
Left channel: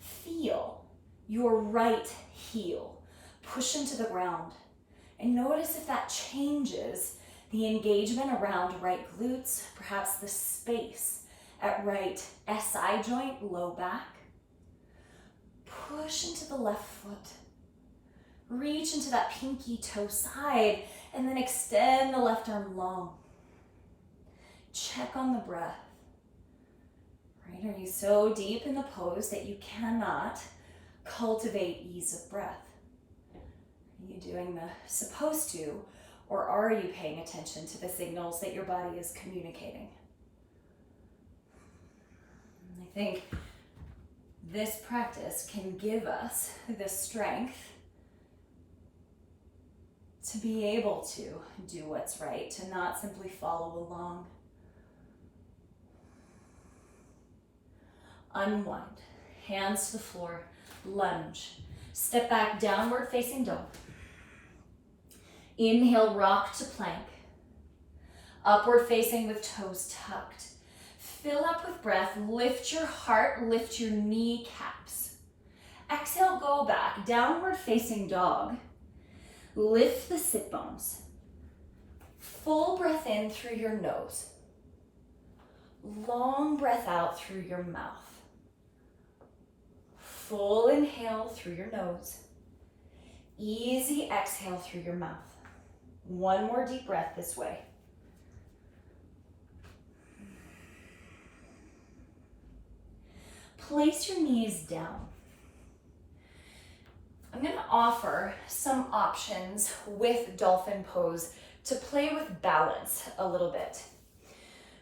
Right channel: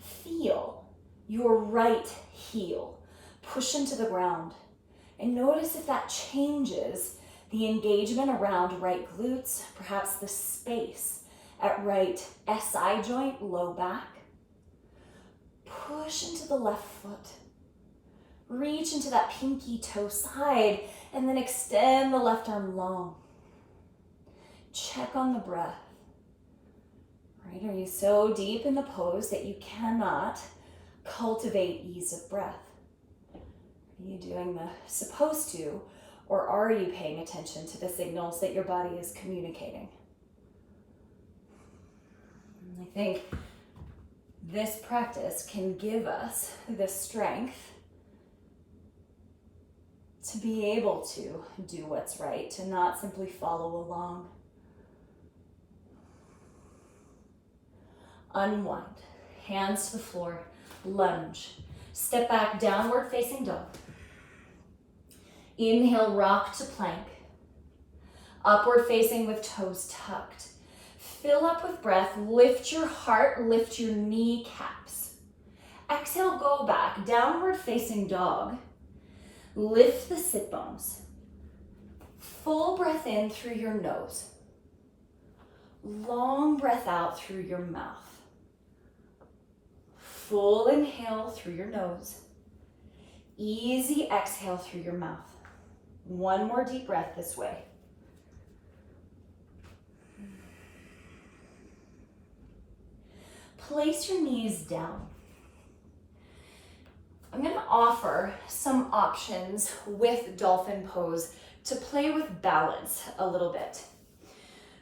Feel your right heel push into the ground. And notice if that changes the engagement around right glutes, perhaps the space at right SI joint, low back. Push into the left foot. Reach into that pinky toe side and then extend the left arm long. Check on the breath. Right? Are you so deep in the pose that you cannot cultivate ease of breath? Are you doing the supposed to, or are you paying attention to the signals that your body is communicating? And I think this practice can give us the strength to be able to do what's right, to not simply follow along. Unwind, hands to the floor, lunge. Step back, downward facing dog. Inhale, rock to plank. Upward facing with toes tucked. Fill up with breath, lift your heart, lift your kneecaps. Exhale, go back, downward facing dog. Lift the sit bones. Full breath in through your nose. Long breath out through your mouth. Full inhale through your nose. Easy exhale through your mouth. One more deep breath this way. Place your knees down. I'm going to offer some options with dolphin pose to play with balance a little bit.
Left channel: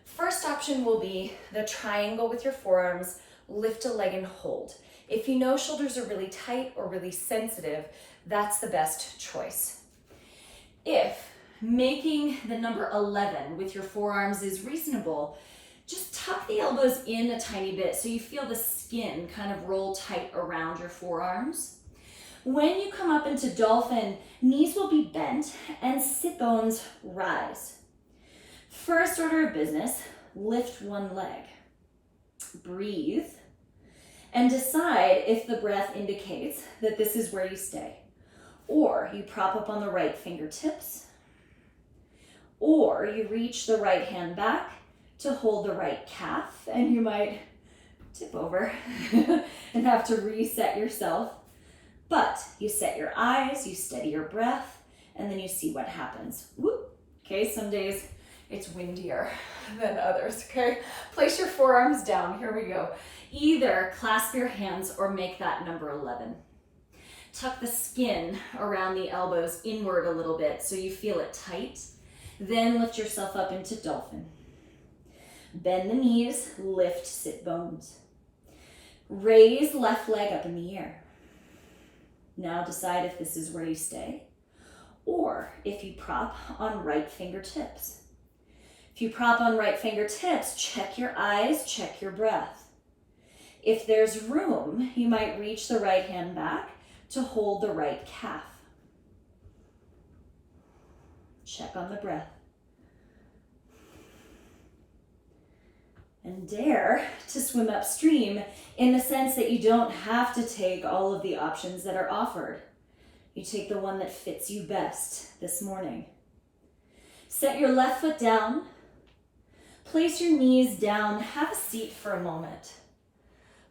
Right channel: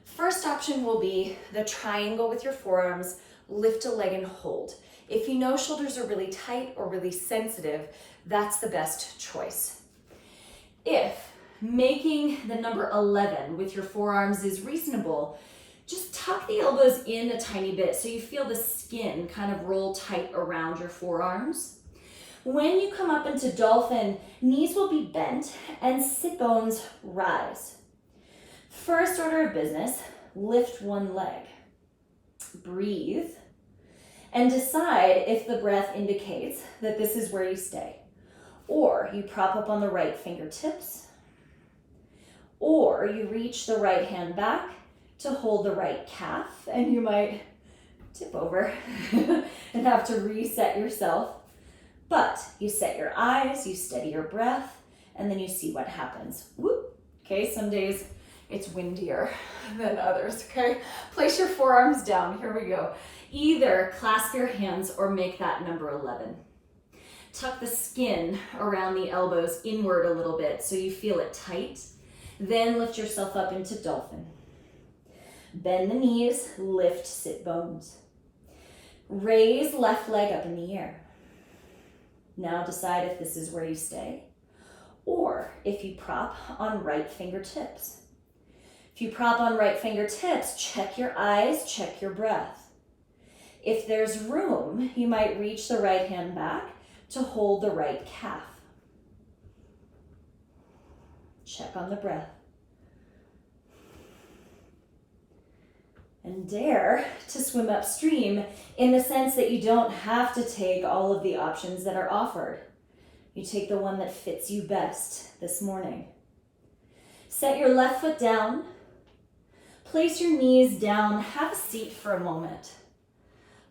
First option will be the triangle with your forearms, lift a leg and hold. If you know shoulders are really tight or really sensitive, that's the best choice. If making the number 11 with your forearms is reasonable, just tuck the elbows in a tiny bit so you feel the skin kind of roll tight around your forearms. When you come up into dolphin, knees will be bent and sit bones rise. First order of business, lift one leg. Breathe and decide if the breath indicates that this is where you stay. Or you prop up on the right fingertips, or you reach the right hand back to hold the right calf, and you might tip over and have to reset yourself. But you set your eyes, you steady your breath, and then you see what happens. Whoop. Okay, some days it's windier than others, okay? Place your forearms down, here we go. Either clasp your hands or make that number 11. Tuck the skin around the elbows inward a little bit so you feel it tight. Then lift yourself up into dolphin. Bend the knees, lift sit bones. Raise left leg up in the air. Now decide if this is where you stay or if you prop on right fingertips. If you prop on right fingertips, check your eyes, check your breath. If there's room, you might reach the right hand back to hold the right calf. Check on the breath. And dare to swim upstream in the sense that you don't have to take all of the options that are offered. You take the one that fits you best this morning. Set your left foot down. Place your knees down. Have a seat for a moment.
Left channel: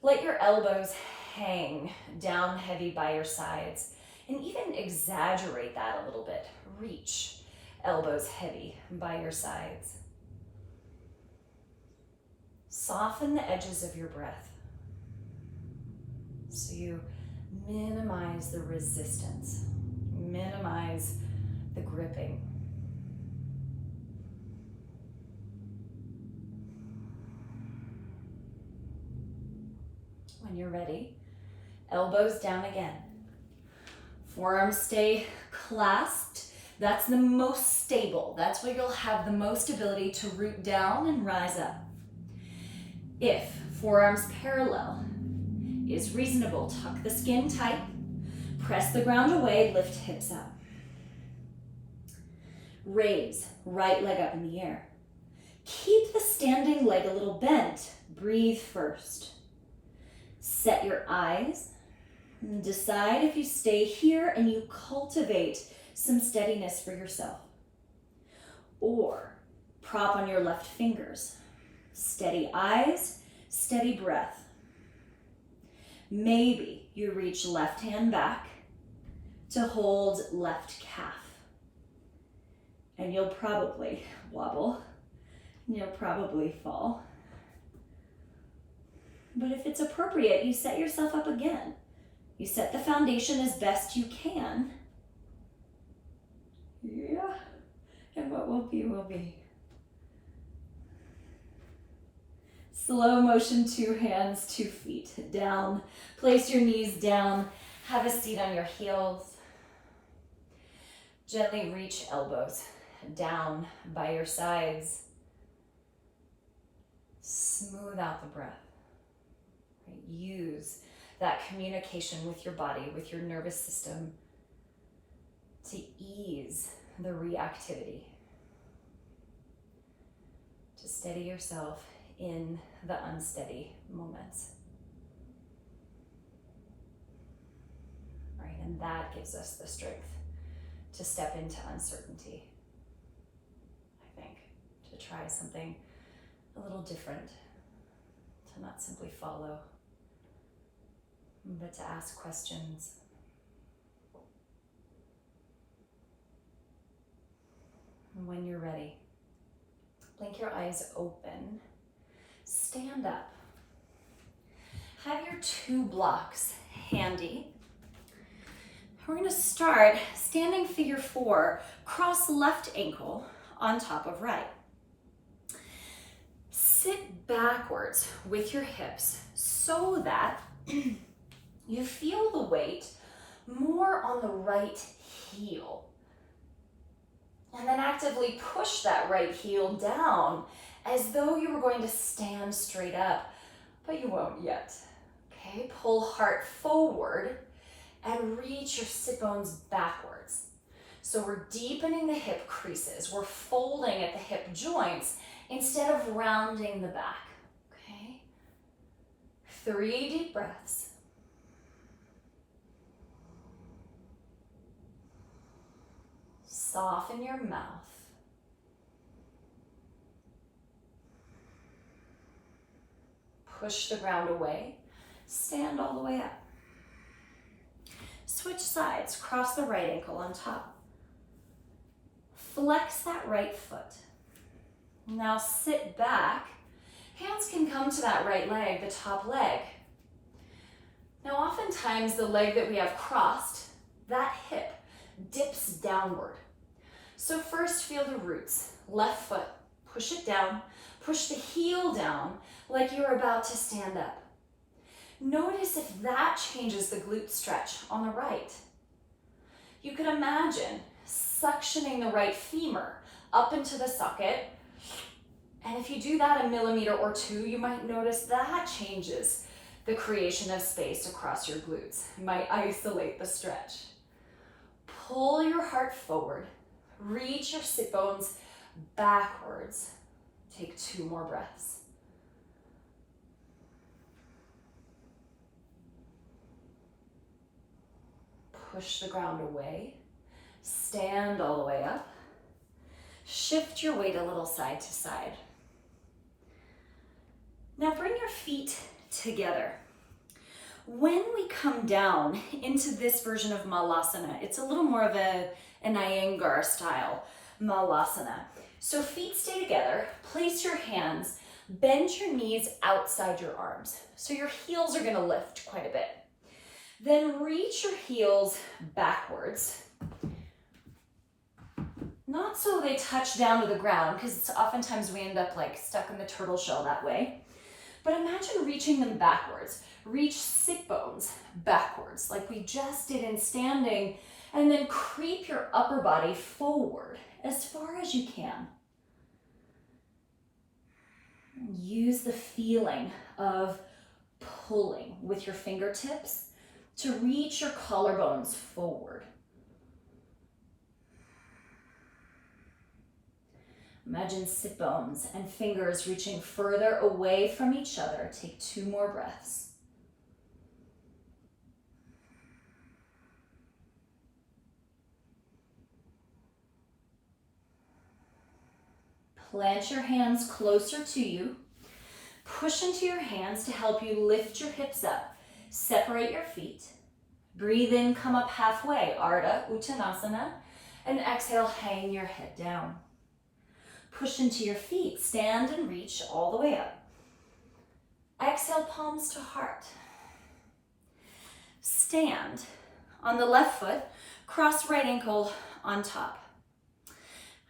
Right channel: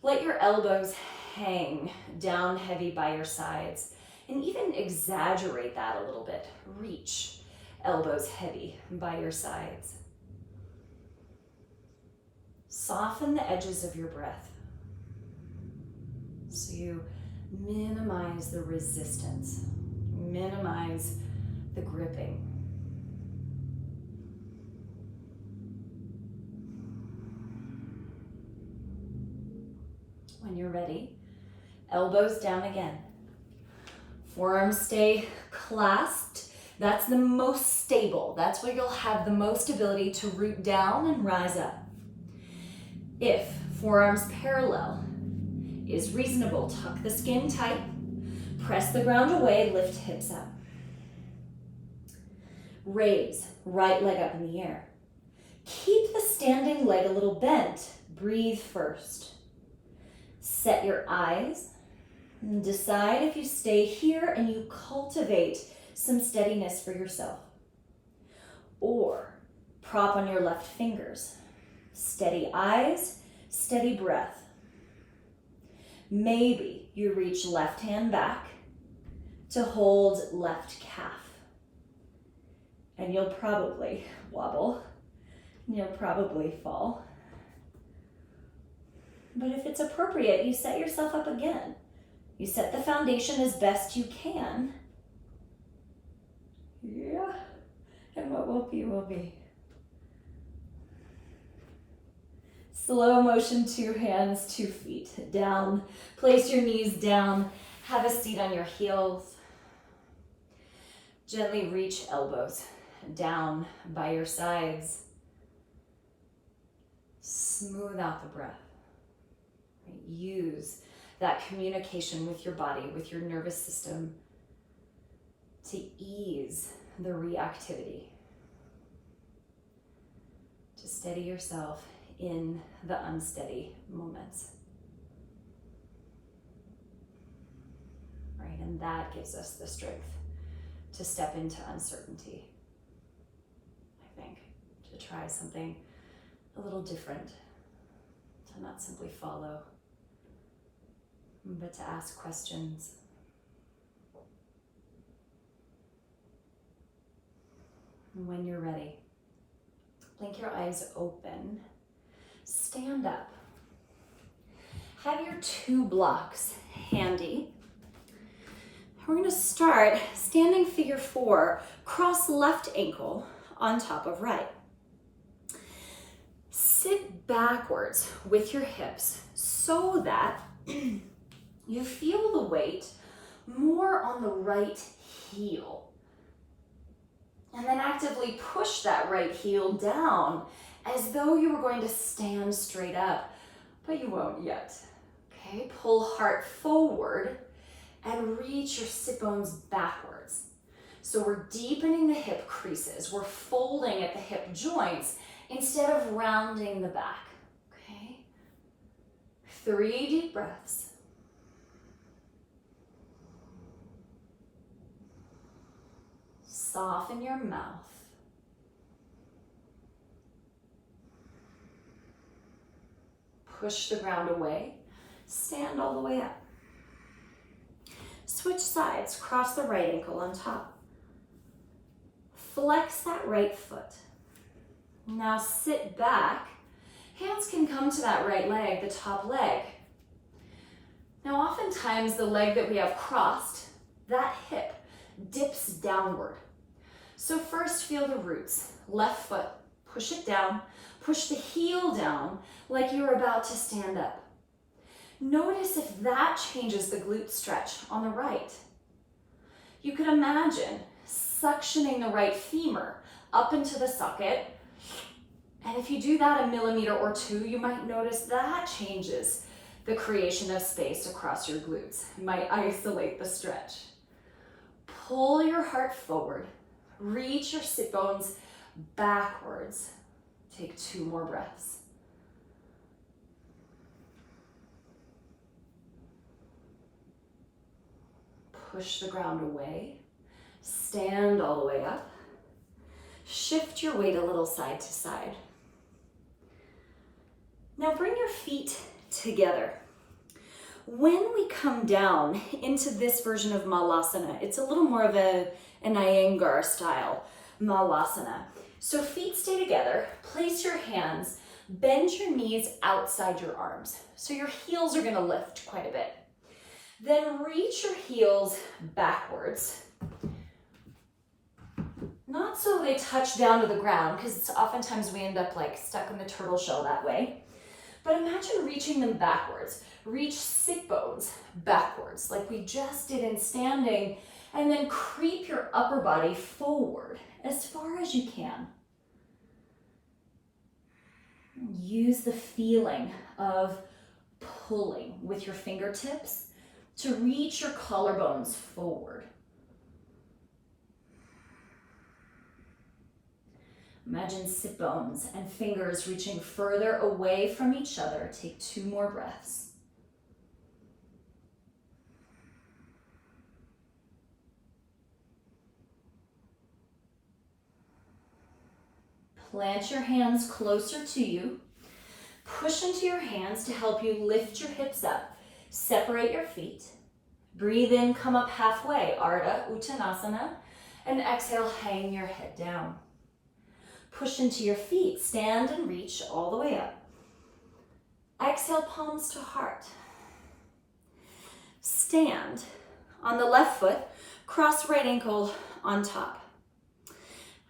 Let your elbows hang down heavy by your sides, and even exaggerate that a little bit. Reach elbows heavy by your sides. Soften the edges of your breath so you minimize the resistance, minimize the gripping. When you're ready, elbows down again. Forearms stay clasped. That's the most stable. That's where you'll have the most ability to root down and rise up. If forearms parallel is reasonable, tuck the skin tight, press the ground away, lift hips up. Raise right leg up in the air. Keep the standing leg a little bent. Breathe first. Set your eyes and decide if you stay here and you cultivate some steadiness for yourself. Or prop on your left fingers. Steady eyes, steady breath. Maybe you reach left hand back to hold left calf. And you'll probably wobble, and you'll probably fall. But if it's appropriate, you set yourself up again. You set the foundation as best you can. Yeah, and what will be, will be. Slow motion, 2 hands, 2 feet down. Place your knees down. Have a seat on your heels. Gently reach elbows down by your sides. Smooth out the breath. Use that communication with your body, with your nervous system to ease the reactivity. To steady yourself in the unsteady moments. Right, and that gives us the strength to step into uncertainty, I think, to try something a little different, to not simply follow, but to ask questions. And when you're ready, blink your eyes open. Stand up. Have your 2 blocks handy. We're going to start standing figure 4, cross left ankle on top of right. Sit backwards with your hips so that you feel the weight more on the right heel. And then actively push that right heel down as though you were going to stand straight up, but you won't yet. Okay, pull heart forward and reach your sit bones backwards. So we're deepening the hip creases. We're folding at the hip joints instead of rounding the back, okay? 3 deep breaths. Soften your mouth. Push the ground away. Stand all the way up. Switch sides. Cross the right ankle on top. Flex that right foot. Now sit back. Hands can come to that right leg, the top leg. Now oftentimes the leg that we have crossed, that hip dips downward. So first feel the roots. Left foot, push it down. Push the heel down like you're about to stand up. Notice if that changes the glute stretch on the right. You could imagine suctioning the right femur up into the socket. And if you do that a millimeter or 2, you might notice that changes the creation of space across your glutes. You might isolate the stretch. Pull your heart forward. Reach your sit bones backwards. Take 2 more breaths. Push the ground away. Stand all the way up. Shift your weight a little side to side. Now bring your feet together. When we come down into this version of Malasana, it's a little more of an Iyengar style Malasana. So feet stay together, place your hands, bend your knees outside your arms. So your heels are gonna lift quite a bit. Then reach your heels backwards. Not so they touch down to the ground, because oftentimes we end up like stuck in the turtle shell that way. But imagine reaching them backwards. Reach sit bones backwards, like we just did in standing, and then creep your upper body forward as far as you can. Use the feeling of pulling with your fingertips to reach your collarbones forward. Imagine sit bones and fingers reaching further away from each other. Take 2 more breaths. Plant your hands closer to you. Push into your hands to help you lift your hips up. Separate your feet. Breathe in, come up halfway, Ardha Uttanasana. And exhale, hang your head down. Push into your feet, stand and reach all the way up. Exhale, palms to heart. Stand on the left foot, cross right ankle on top.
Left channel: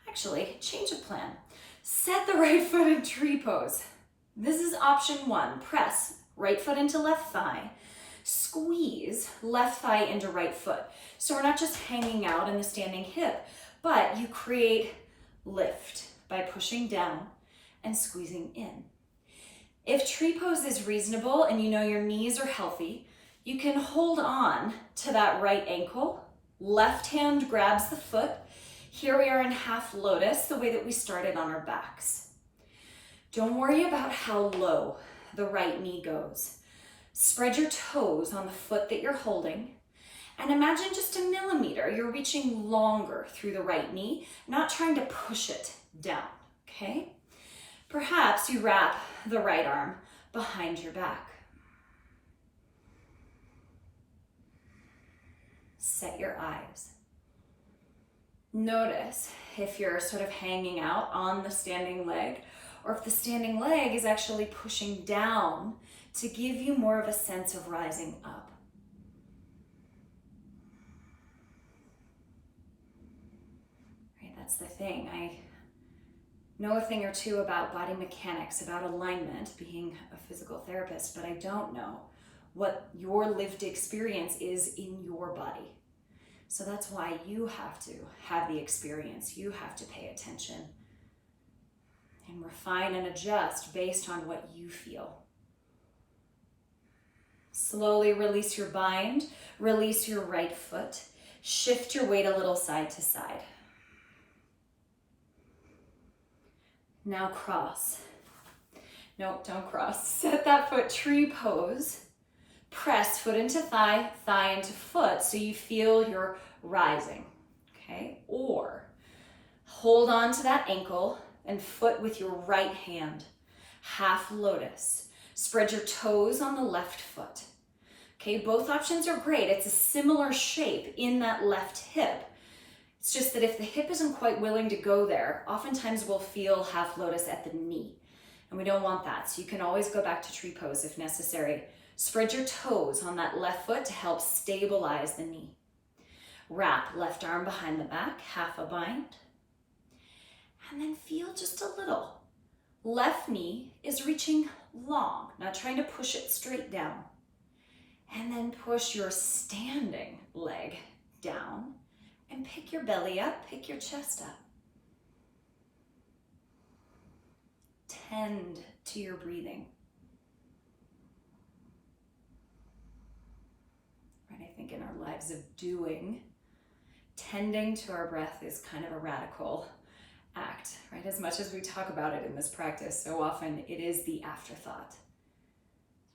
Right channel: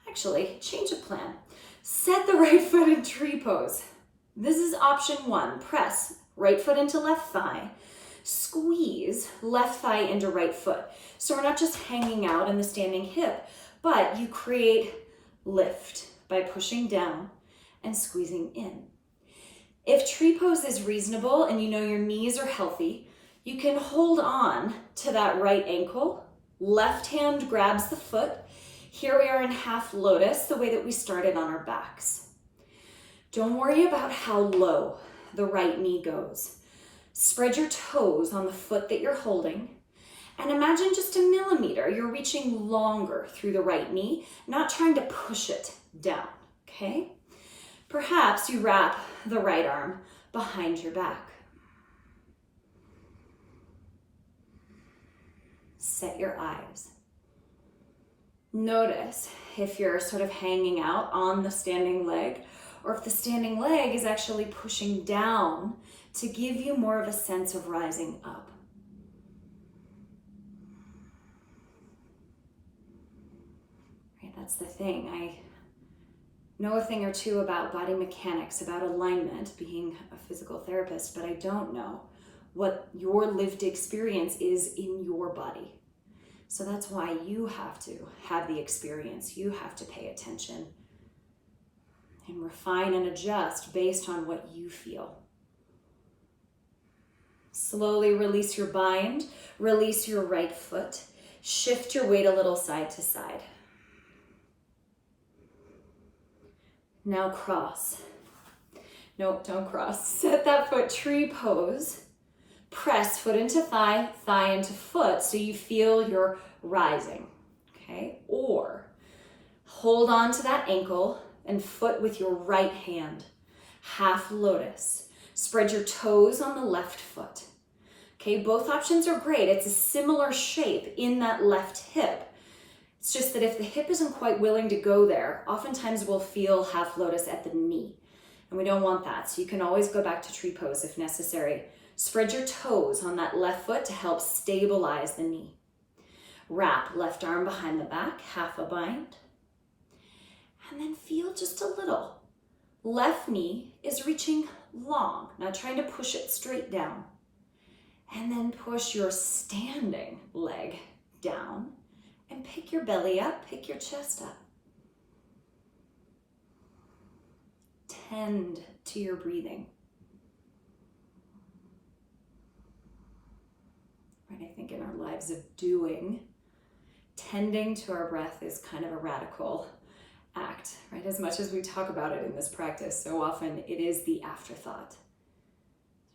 Actually, change of plan. Set the right foot in tree pose. This is option 1. Press right foot into left thigh. Squeeze left thigh into right foot. So we're not just hanging out in the standing hip, but you create lift by pushing down and squeezing in. If tree pose is reasonable and you know your knees are healthy, you can hold on to that right ankle. Left hand grabs the foot. Here we are in half lotus, the way that we started on our backs. Don't worry about how low the right knee goes. Spread your toes on the foot that you're holding, and imagine just a millimeter. You're reaching longer through the right knee, not trying to push it down, okay? Perhaps you wrap the right arm behind your back. Set your eyes. Notice if you're sort of hanging out on the standing leg, or if the standing leg is actually pushing down to give you more of a sense of rising up. Right, that's the thing. I know a thing or 2 about body mechanics, about alignment, being a physical therapist, but I don't know what your lived experience is in your body. So that's why you have to have the experience. You have to pay attention and refine and adjust based on what you feel. Slowly release your bind, release your right foot. Shift your weight a little side to side. Now cross. Nope, don't cross. Set that foot tree pose. Press foot into thigh, thigh into foot, so you feel you're rising, okay? Or hold on to that ankle and foot with your right hand. Half lotus. Spread your toes on the left foot. Okay, both options are great. It's a similar shape in that left hip. It's just that if the hip isn't quite willing to go there, oftentimes we'll feel half lotus at the knee. And we don't want that. So you can always go back to tree pose if necessary. Spread your toes on that left foot to help stabilize the knee. Wrap left arm behind the back, half a bind. And then feel just a little. Left knee is reaching long, not trying to push it straight down. And then push your standing leg down and pick your belly up, pick your chest up. Tend to your breathing. Right, I think in our lives of doing, tending to our breath is kind of a radical act, right? As much as we talk about it in this practice, so often it is the afterthought.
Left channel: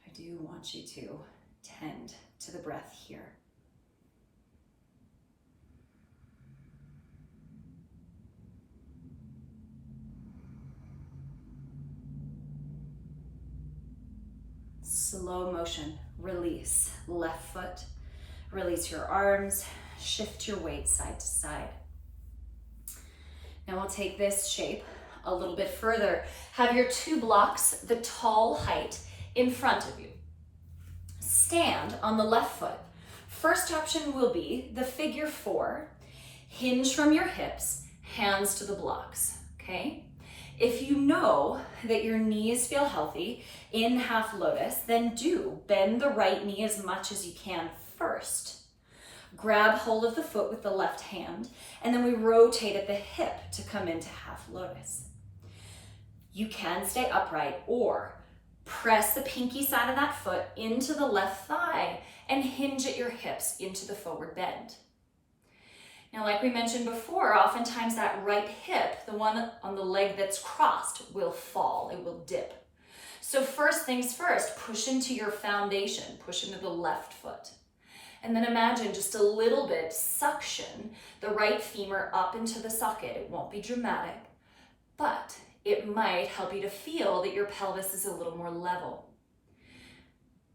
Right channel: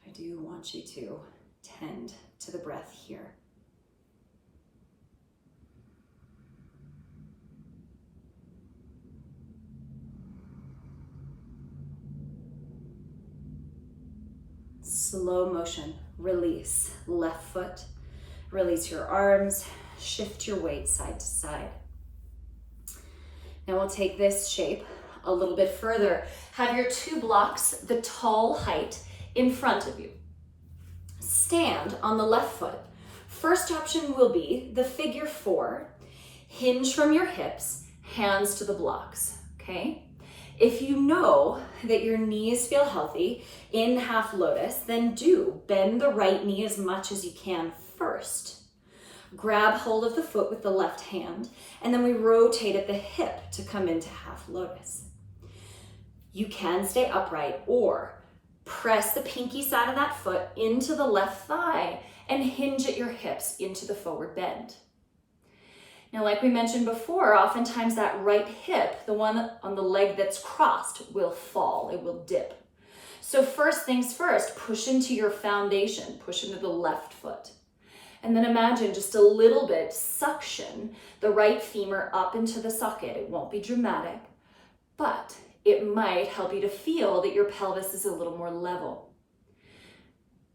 I do want you to tend to the breath here. Slow motion, release left foot, release your arms, shift your weight side to side. Now we'll take this shape a little bit further. Have your two blocks the tall height in front of you. Stand on the left foot. First option will be the figure 4. Hinge from your hips, hands to the blocks, okay? If you know that your knees feel healthy in half lotus, then do bend the right knee as much as you can first. Grab hold of the foot with the left hand, and then we rotate at the hip to come into half lotus. You can stay upright or press the pinky side of that foot into the left thigh and hinge at your hips into the forward bend. Now, like we mentioned before, oftentimes that right hip, the one on the leg that's crossed, will fall, it will dip. So first things first, push into your foundation, push into the left foot. And then imagine just a little bit, suction the right femur up into the socket. It won't be dramatic, but it might help you to feel that your pelvis is a little more level.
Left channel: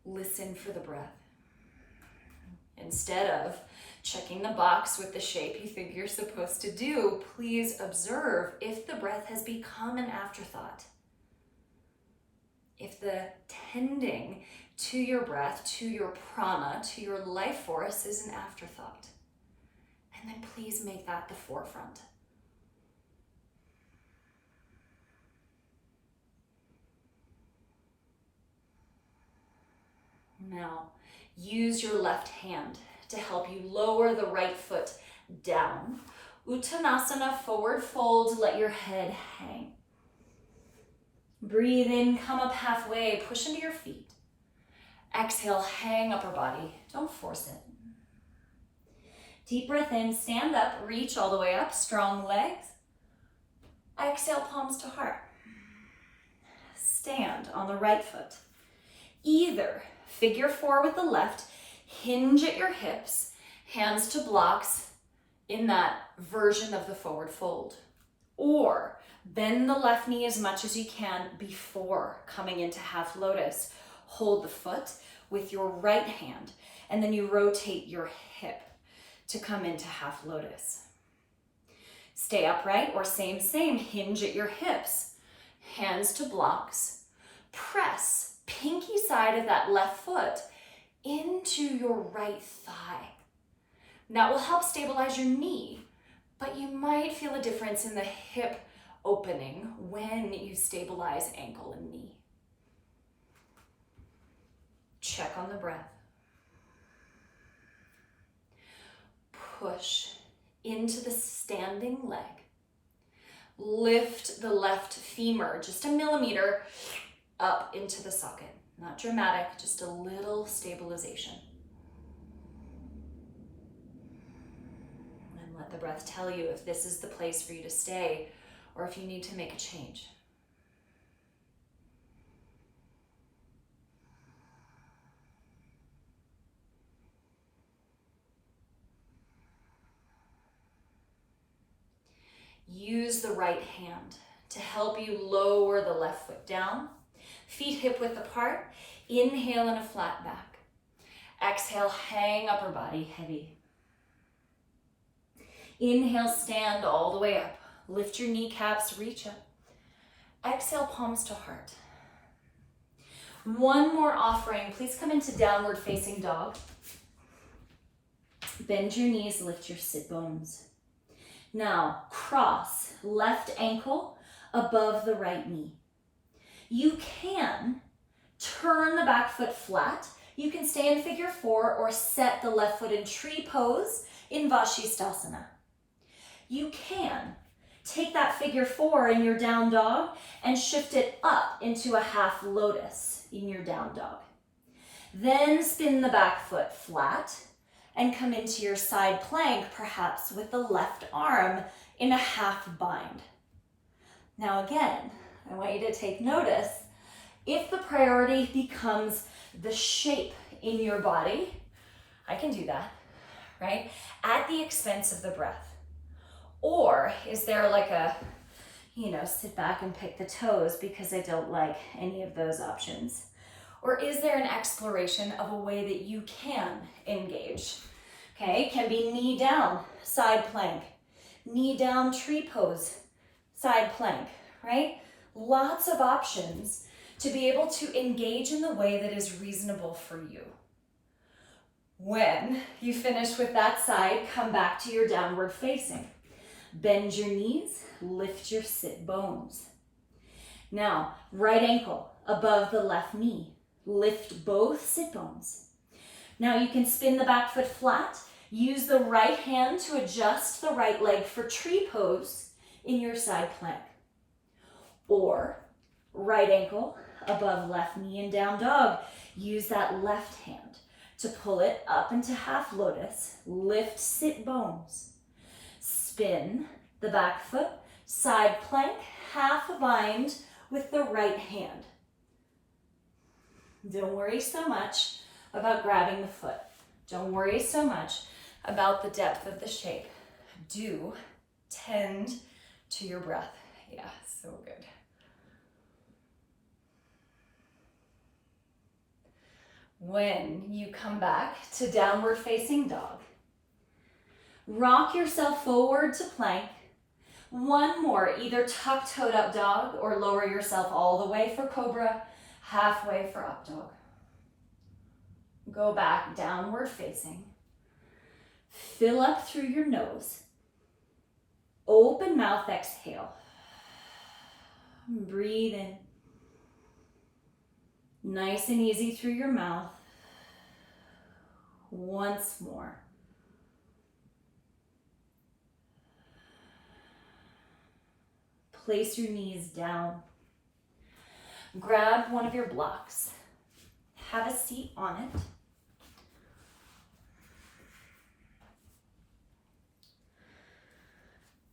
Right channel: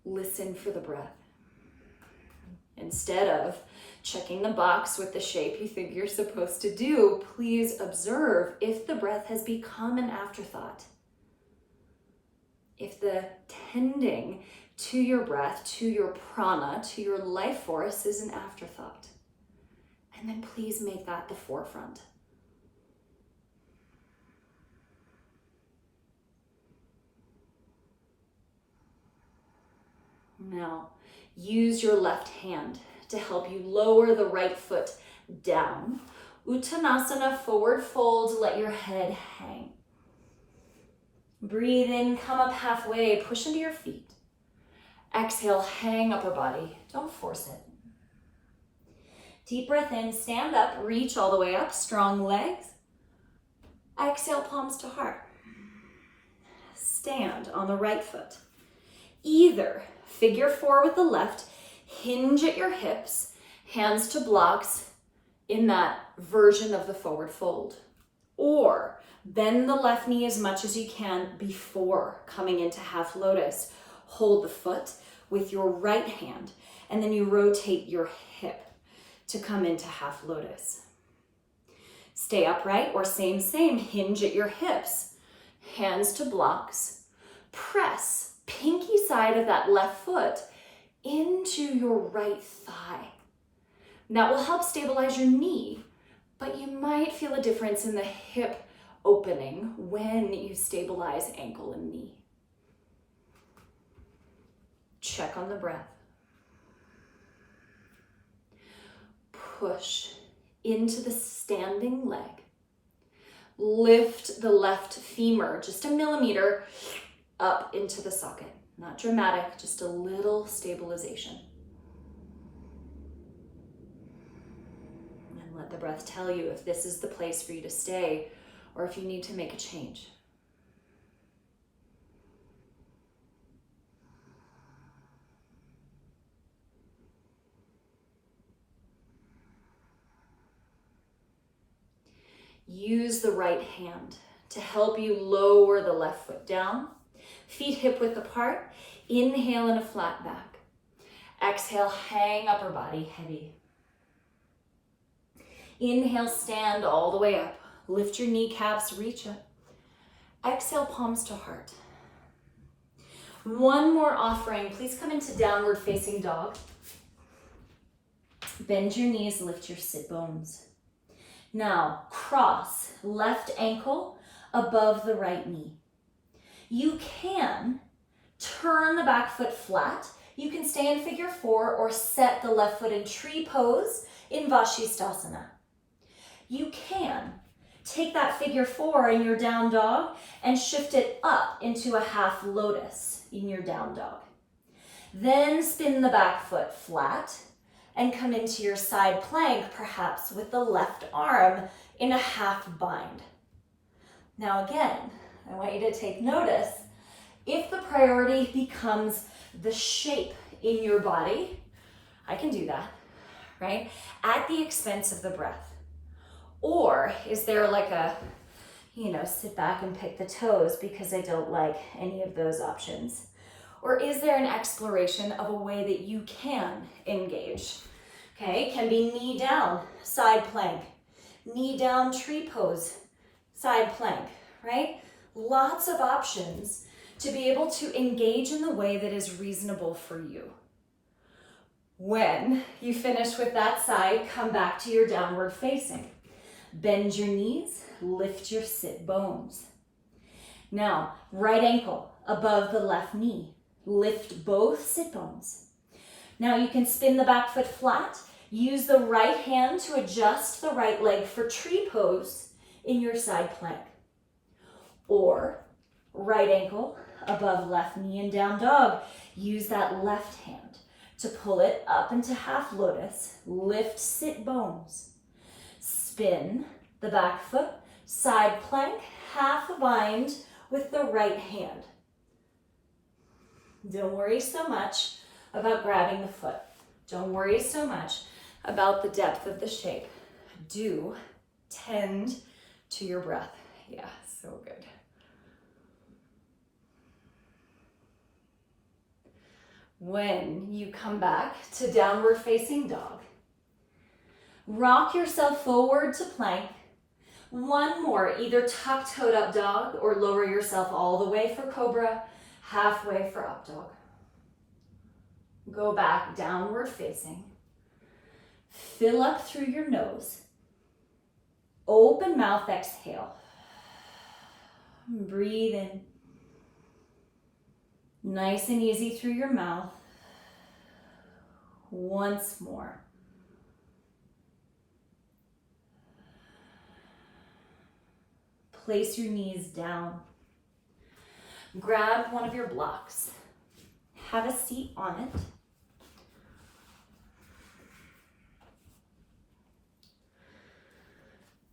Listen for the breath. Instead of checking the box with the shape you think you're supposed to do, please observe if the breath has become an afterthought. If the tending to your breath, to your prana, to your life force is an afterthought. And then please make that the forefront. Now, use your left hand to help you lower the right foot down. Uttanasana, forward fold, let your head hang. Breathe in, come up halfway, push into your feet. Exhale, hang upper body, don't force it. Deep breath in, stand up, reach all the way up, strong legs. Exhale, palms to heart. Stand on the right foot. Either figure 4 with the left, hinge at your hips, hands to blocks in that version of the forward fold. Or bend the left knee as much as you can before coming into half lotus. Hold the foot with your right hand, and then you rotate your hip to come into half lotus. Stay upright or same, hinge at your hips, hands to blocks. Press pinky side of that left foot into your right thigh. That will help stabilize your knee, but you might feel a difference in the hip opening when you stabilize ankle and knee. Check on the breath. Push into the standing leg. Lift the left femur just a millimeter up into the socket. Not dramatic, just a little stabilization. the breath tell you if this is the place for you to stay or if you need to make a change. Use the right hand to help you lower the left foot down. Feet hip width apart. Inhale in a flat back. Exhale, hang upper body heavy. Inhale, stand all the way up. Lift your kneecaps, reach up. Exhale, palms to heart. One more offering. Please come into downward facing dog. Bend your knees, lift your sit bones. Now, cross left ankle above the right knee. You can turn the back foot flat. You can stay in figure 4 or set the left foot in tree pose in Vashisthasana. You can take that figure 4 in your down dog and shift it up into a half lotus in your down dog. Then spin the back foot flat and come into your side plank, perhaps with the left arm in a half bind. Now again, I want you to take notice. If the priority becomes the shape in your body, I can do that, right? At the expense of the breath. Or is there like a, sit back and pick the toes because I don't like any of those options? Or is there an exploration of a way that you can engage? Okay, can be knee down, side plank, knee down, tree pose, side plank, right? Lots of options to be able to engage in the way that is reasonable for you. When you finish with that side, come back to your downward facing. Bend your knees, lift your sit bones. Now, right ankle above the left knee. Lift both sit bones. Now you can spin the back foot flat. Use the right hand to adjust the right leg for tree pose in your side plank. Or right ankle above left knee and down dog. Use that left hand to pull it up into half lotus. Lift sit bones. Spin the back foot, side plank, half a bind with the right hand. Don't worry so much about grabbing the foot. Don't worry so much about the depth of the shape. Do tend to your breath. Yeah, so good. When you come back to downward facing dog, rock yourself forward to plank. One more, either tuck-toed up dog or lower yourself all the way for cobra, halfway for up dog. Go back downward facing. Fill up through your nose. Open mouth, exhale. Breathe in. Nice and easy through your mouth. Once more. Place your knees down. Grab one of your blocks. Have a seat on it.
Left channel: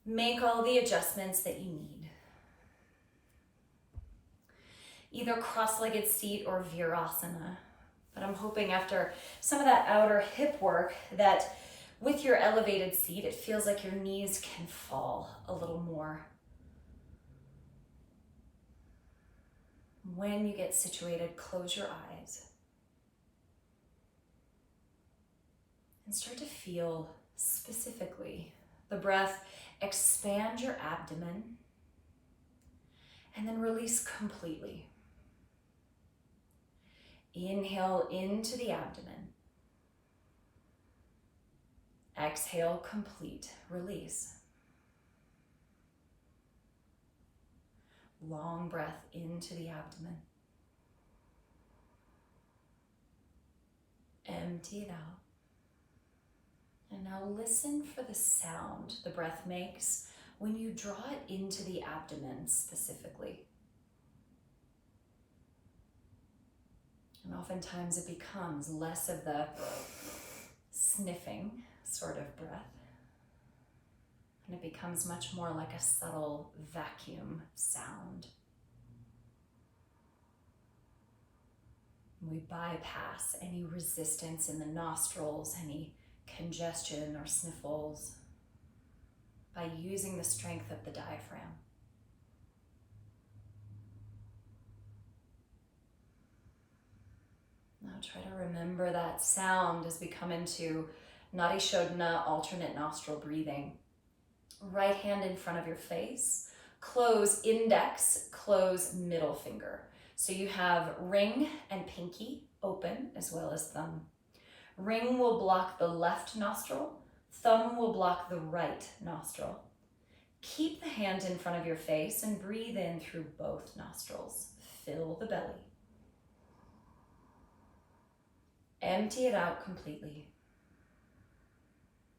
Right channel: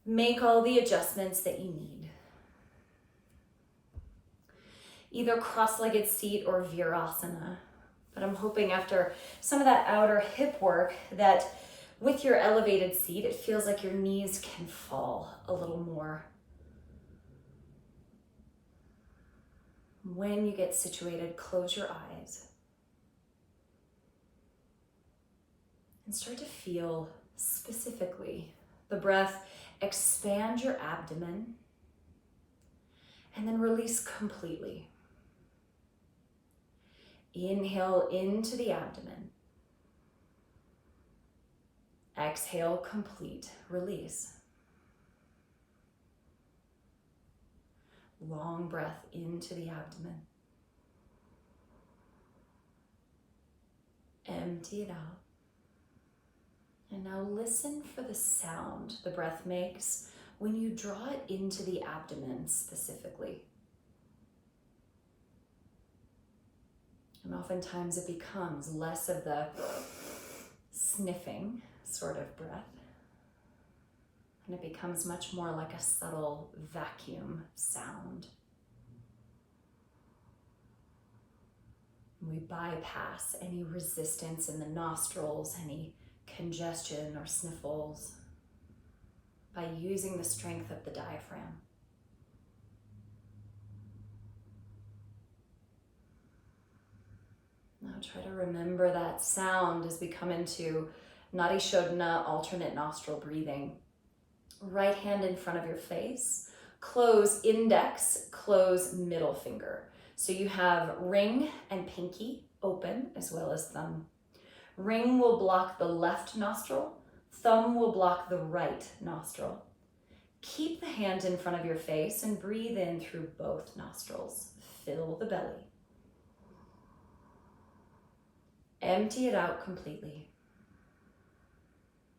Make all the adjustments that you need. Either cross-legged seat or virasana. But I'm hoping after some of that outer hip work that with your elevated seat, it feels like your knees can fall a little more. When you get situated, close your eyes and start to feel specifically the breath expand your abdomen and then release completely. Inhale into the abdomen. Exhale, complete release. Long breath into the abdomen. Empty it out. And now listen for the sound the breath makes when you draw it into the abdomen specifically. And oftentimes it becomes less of the sniffing sort of breath And it becomes much more like a subtle vacuum sound. We bypass any resistance in the nostrils, any congestion or sniffles, by using the strength of the diaphragm. Now try to remember that sound as we come into Nadi Shodhana, alternate nostril breathing. Right hand in front of your face, close index, close middle finger. So you have ring and pinky open as well as thumb. Ring will block the left nostril, thumb will block the right nostril. Keep the hand in front of your face and breathe in through both nostrils. Fill the belly. Empty it out completely.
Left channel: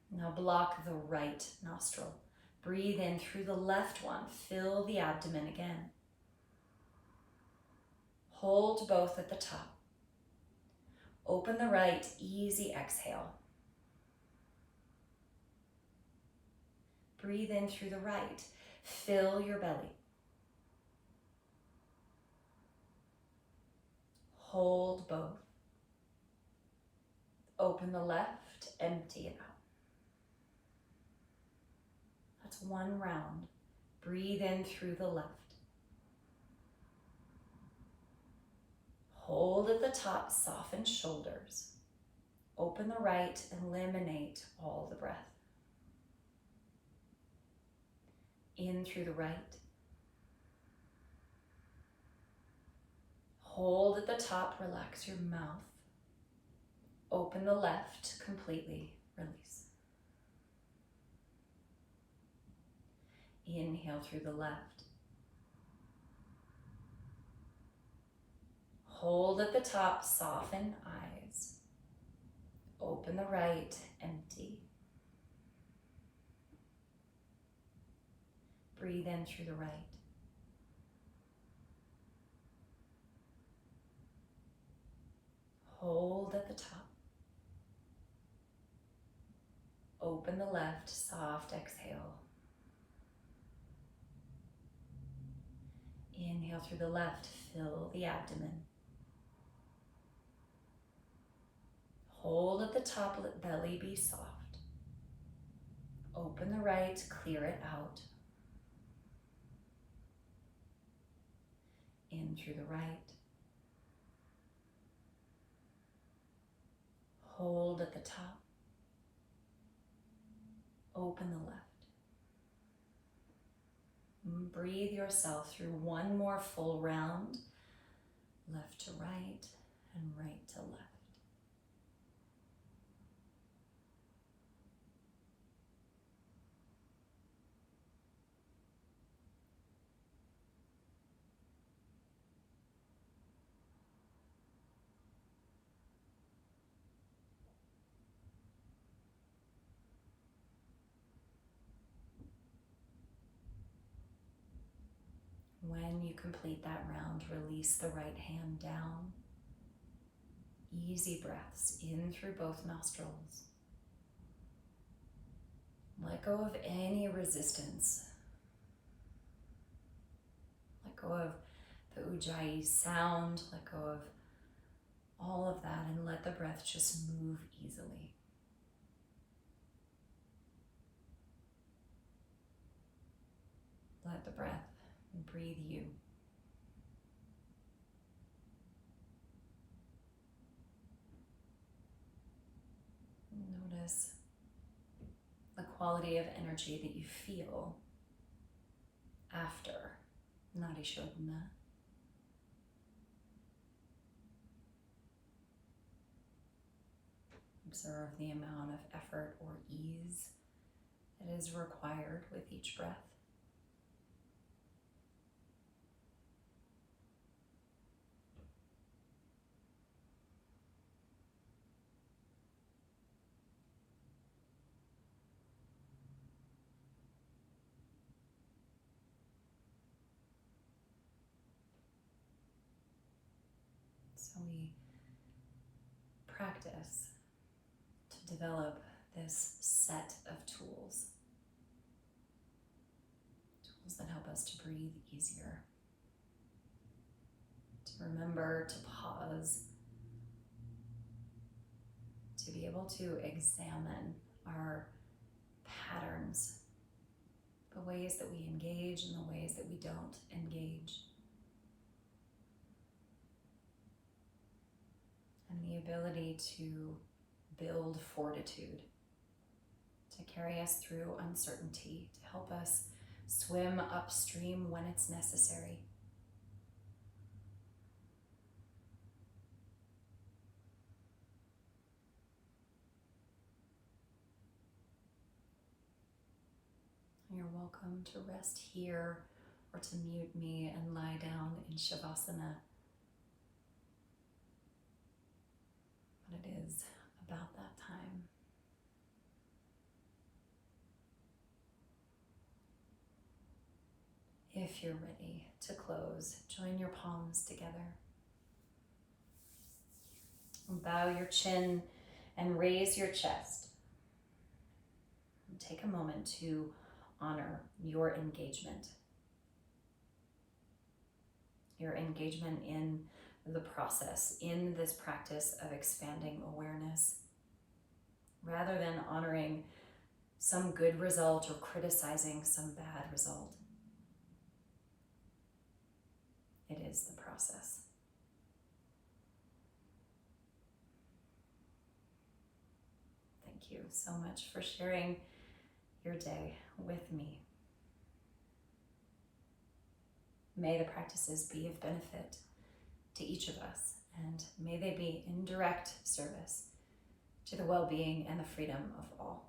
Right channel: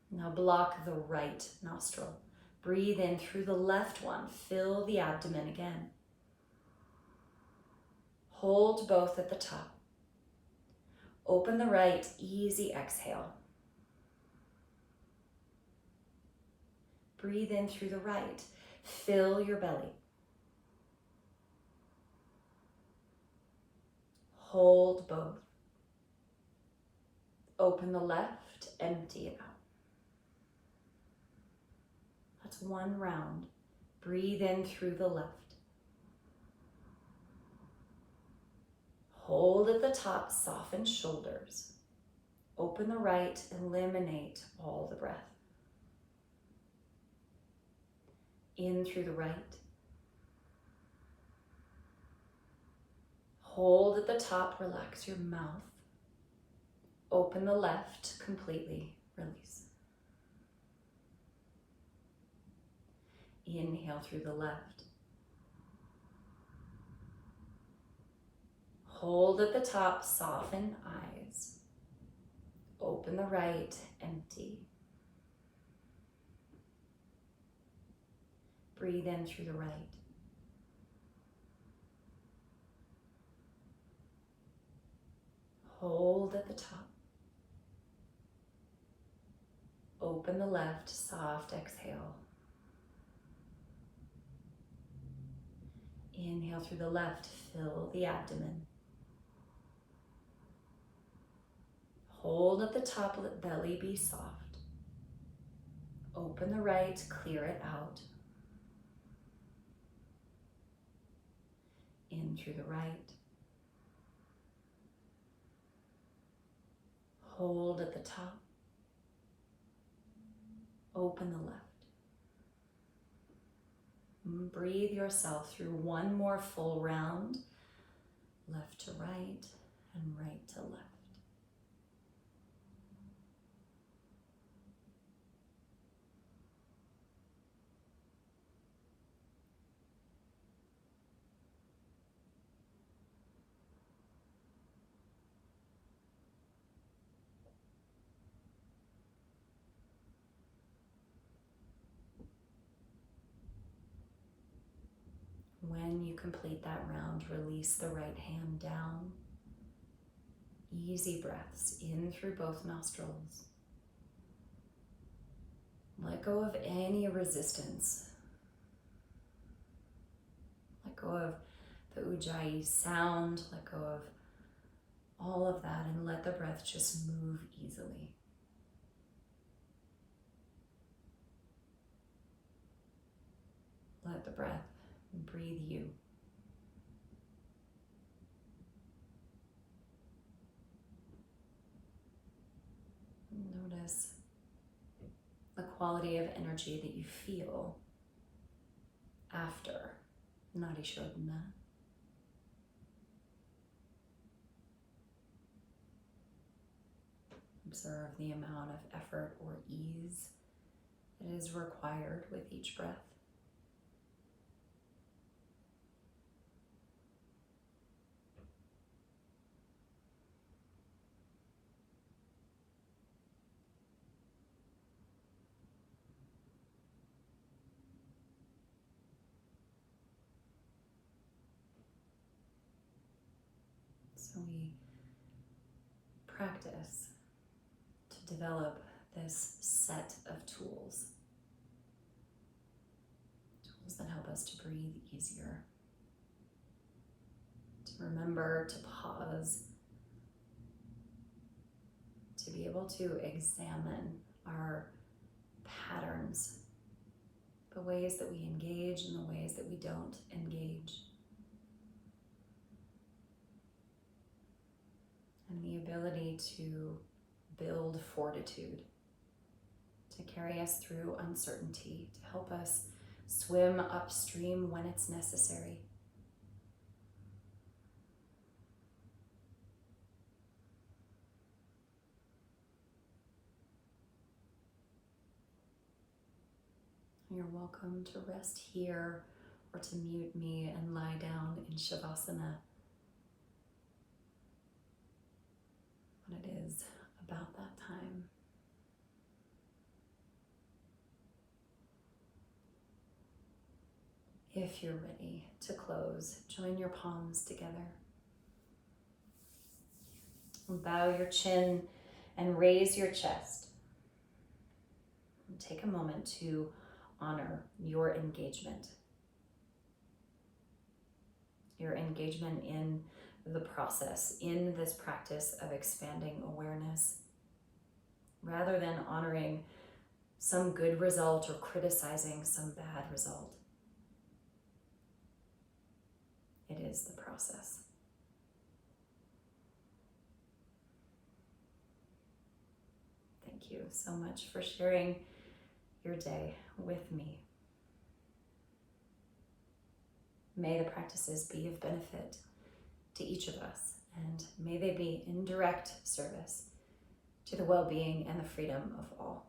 Now block the right nostril. Breathe in through the left one. Fill the abdomen again. Hold both at the top. Open the right, easy exhale. Breathe in through the right. Fill your belly. Hold both. Open the left, empty it out. That's one round. Breathe in through the left. Hold at the top, soften shoulders. Open the right, eliminate all the breath. In through the right. Hold at the top, relax your mouth. Open the left, completely release. Inhale through the left. Hold at the top, soften eyes. Open the right, empty. Breathe in through the right. Hold at the top. Open the left, soft exhale. Inhale through the left, fill the abdomen. Hold at the top, let belly be soft. Open the right, clear it out. In through the right. Hold at the top. Open the left. Breathe yourself through one more full round, left to right and right to left. When you complete that round, release the right hand down. Easy breaths in through both nostrils. Let go of any resistance. Let go of the ujjayi sound. Let go of all of that and let the breath just move easily. Let the breath breathe you. Notice the quality of energy that you feel after Nadi Shodhana. Observe the amount of effort or ease that is required with each breath. So we practice to develop this set of tools those that help us to breathe easier, to remember to pause, to be able to examine our patterns, the ways that we engage and the ways that we don't engage. And the ability to build fortitude, to carry us through uncertainty, to help us swim upstream when it's necessary. You're welcome to rest here or to mute me and lie down in Shavasana. But it is about that time. If you're ready to close, join your palms together. And bow your chin and raise your chest. And take a moment to honor your engagement. Your engagement in the process, in this practice of expanding awareness, rather than honoring some good result or criticizing some bad result. It is the process. Thank you so much for sharing your day with me. May the practices be of benefit to each of us, and may they be in direct service to the well-being and the freedom of all.